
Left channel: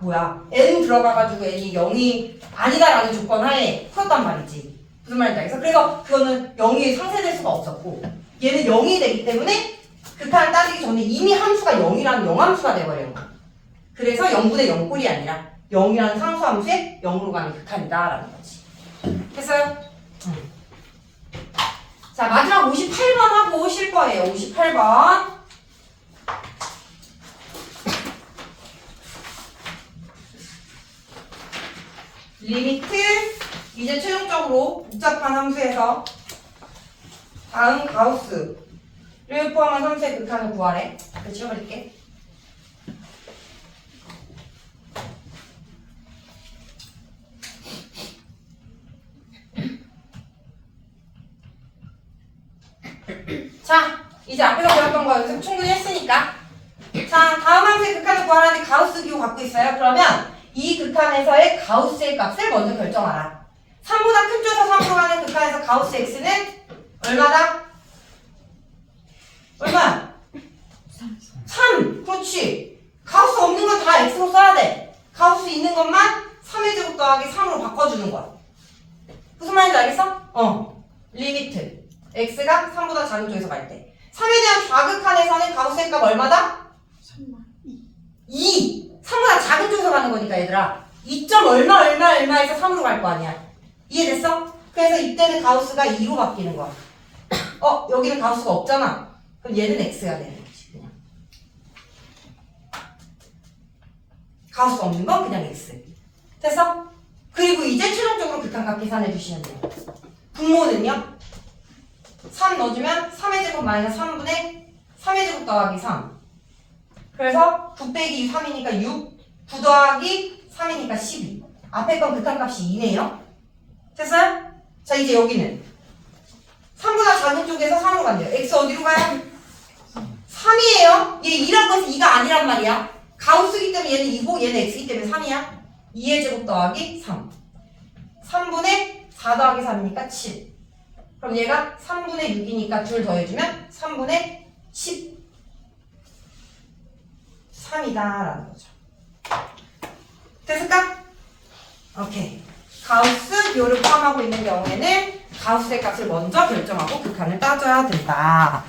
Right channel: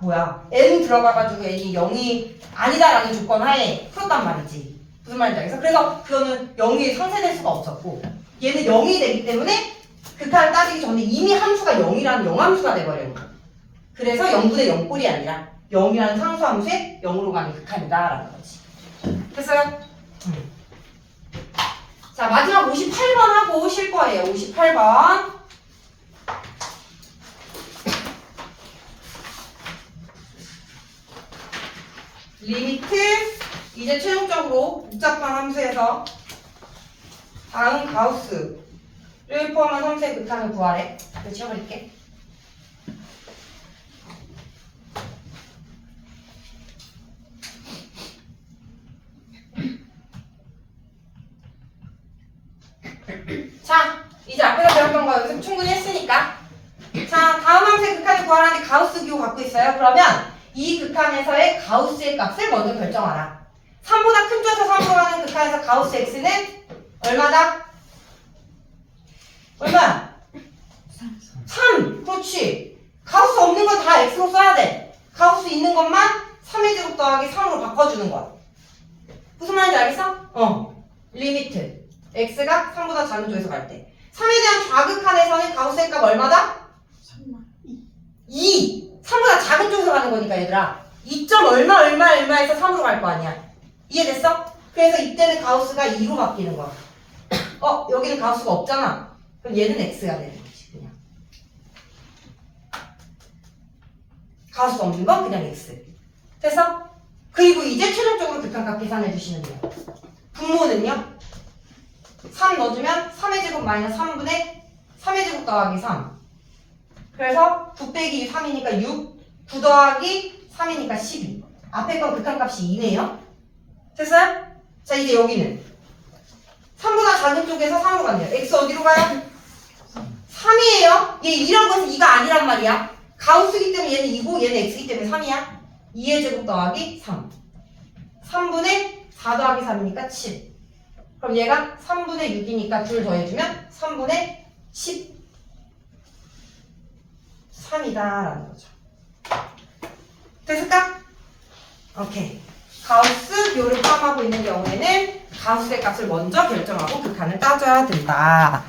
n 들어가가지고 n이 0이 아니다라는 조건 하에 풀었단 말이지. 무슨 말인지 알겠어? 그래서 그거는 0이 상쇄될 수가 없었고 얘는 0이 되기 때문에 극한을 따지기 전에 이미 함수가 0이라는 영함수가 돼버리는 거야. 그래서 0분의 0꼴이 아니라 0이라는 상수함수에 0으로 가는 극한이다라는 거지. 됐어요? 자, 마지막 58번 하고 쉴 거예요. 58번. 리미트 이제 최종적으로 복잡한 함수에서 다음 가우스를 포함한 함수의 극한을 구하래. 이거 지워버릴게. 자, 이제 앞에서 배웠던 거 여기서 충분히 했으니까. 자, 다음 함수의 극한을 구하라는데 가우스 기호 갖고 있어요. 그러면 이 극한에서의 가우스의 값을 먼저 결정하라. 3보다 큰 쪽에서 3으로 가는 극한에서 가우스 x는 얼마다? 얼마야? 3. 그렇지. 가우스 없는 건 다 x로 써야 돼. 가우스 있는 것만 3의 제곱 더하기 3으로 바꿔주는 거야. 무슨 말인지 알겠어? 리미트 x가 3보다 작은 쪽에서 갈 때 3에 대한 좌극한에서는 가우스의 값 얼마다? 3마 2. 3보다 작은 쪽에서 가는 거니까 얘들아 2점 얼마에서 3으로 갈 거 아니야. 이해됐어? 그래서 이때는 가우스가 2로 바뀌는 거야. 여기는 가우스가 없잖아. 그럼 얘는 x가 되는 거지 그냥. 가우스가 없는 건 그냥 x. 됐어? 그리고 이제 최종적으로 극한값 계산해 주시면 돼요. 분모는요? 3 넣어주면 3의 제곱 마이너스 3분의 3의 제곱 더하기 3. 그래서 9 빼기 3이니까 6, 9 더하기 3이니까 12. 앞에 건 극한값이 2네요. 됐어요? 자 이제 여기는 3보다 작은 쪽에서 3으로 간대요. x 어디로 가요? 3이에요. 얘 2라고 해서 2가 아니란 말이야. 가우스기 때문에 얘는 2고 얘는 x기 때문에 3이야. 2의 제곱 더하기 3. 3분의 4 더하기 3이니까 7. 그럼 얘가 3분의 6이니까 둘 더해주면 3분의 13이다라는 거죠. 됐을까? 오케이. 가우스 묘를 포함하고 있는 경우에는 가우스의 값을 먼저 결정하고 극한을 따져야 된다.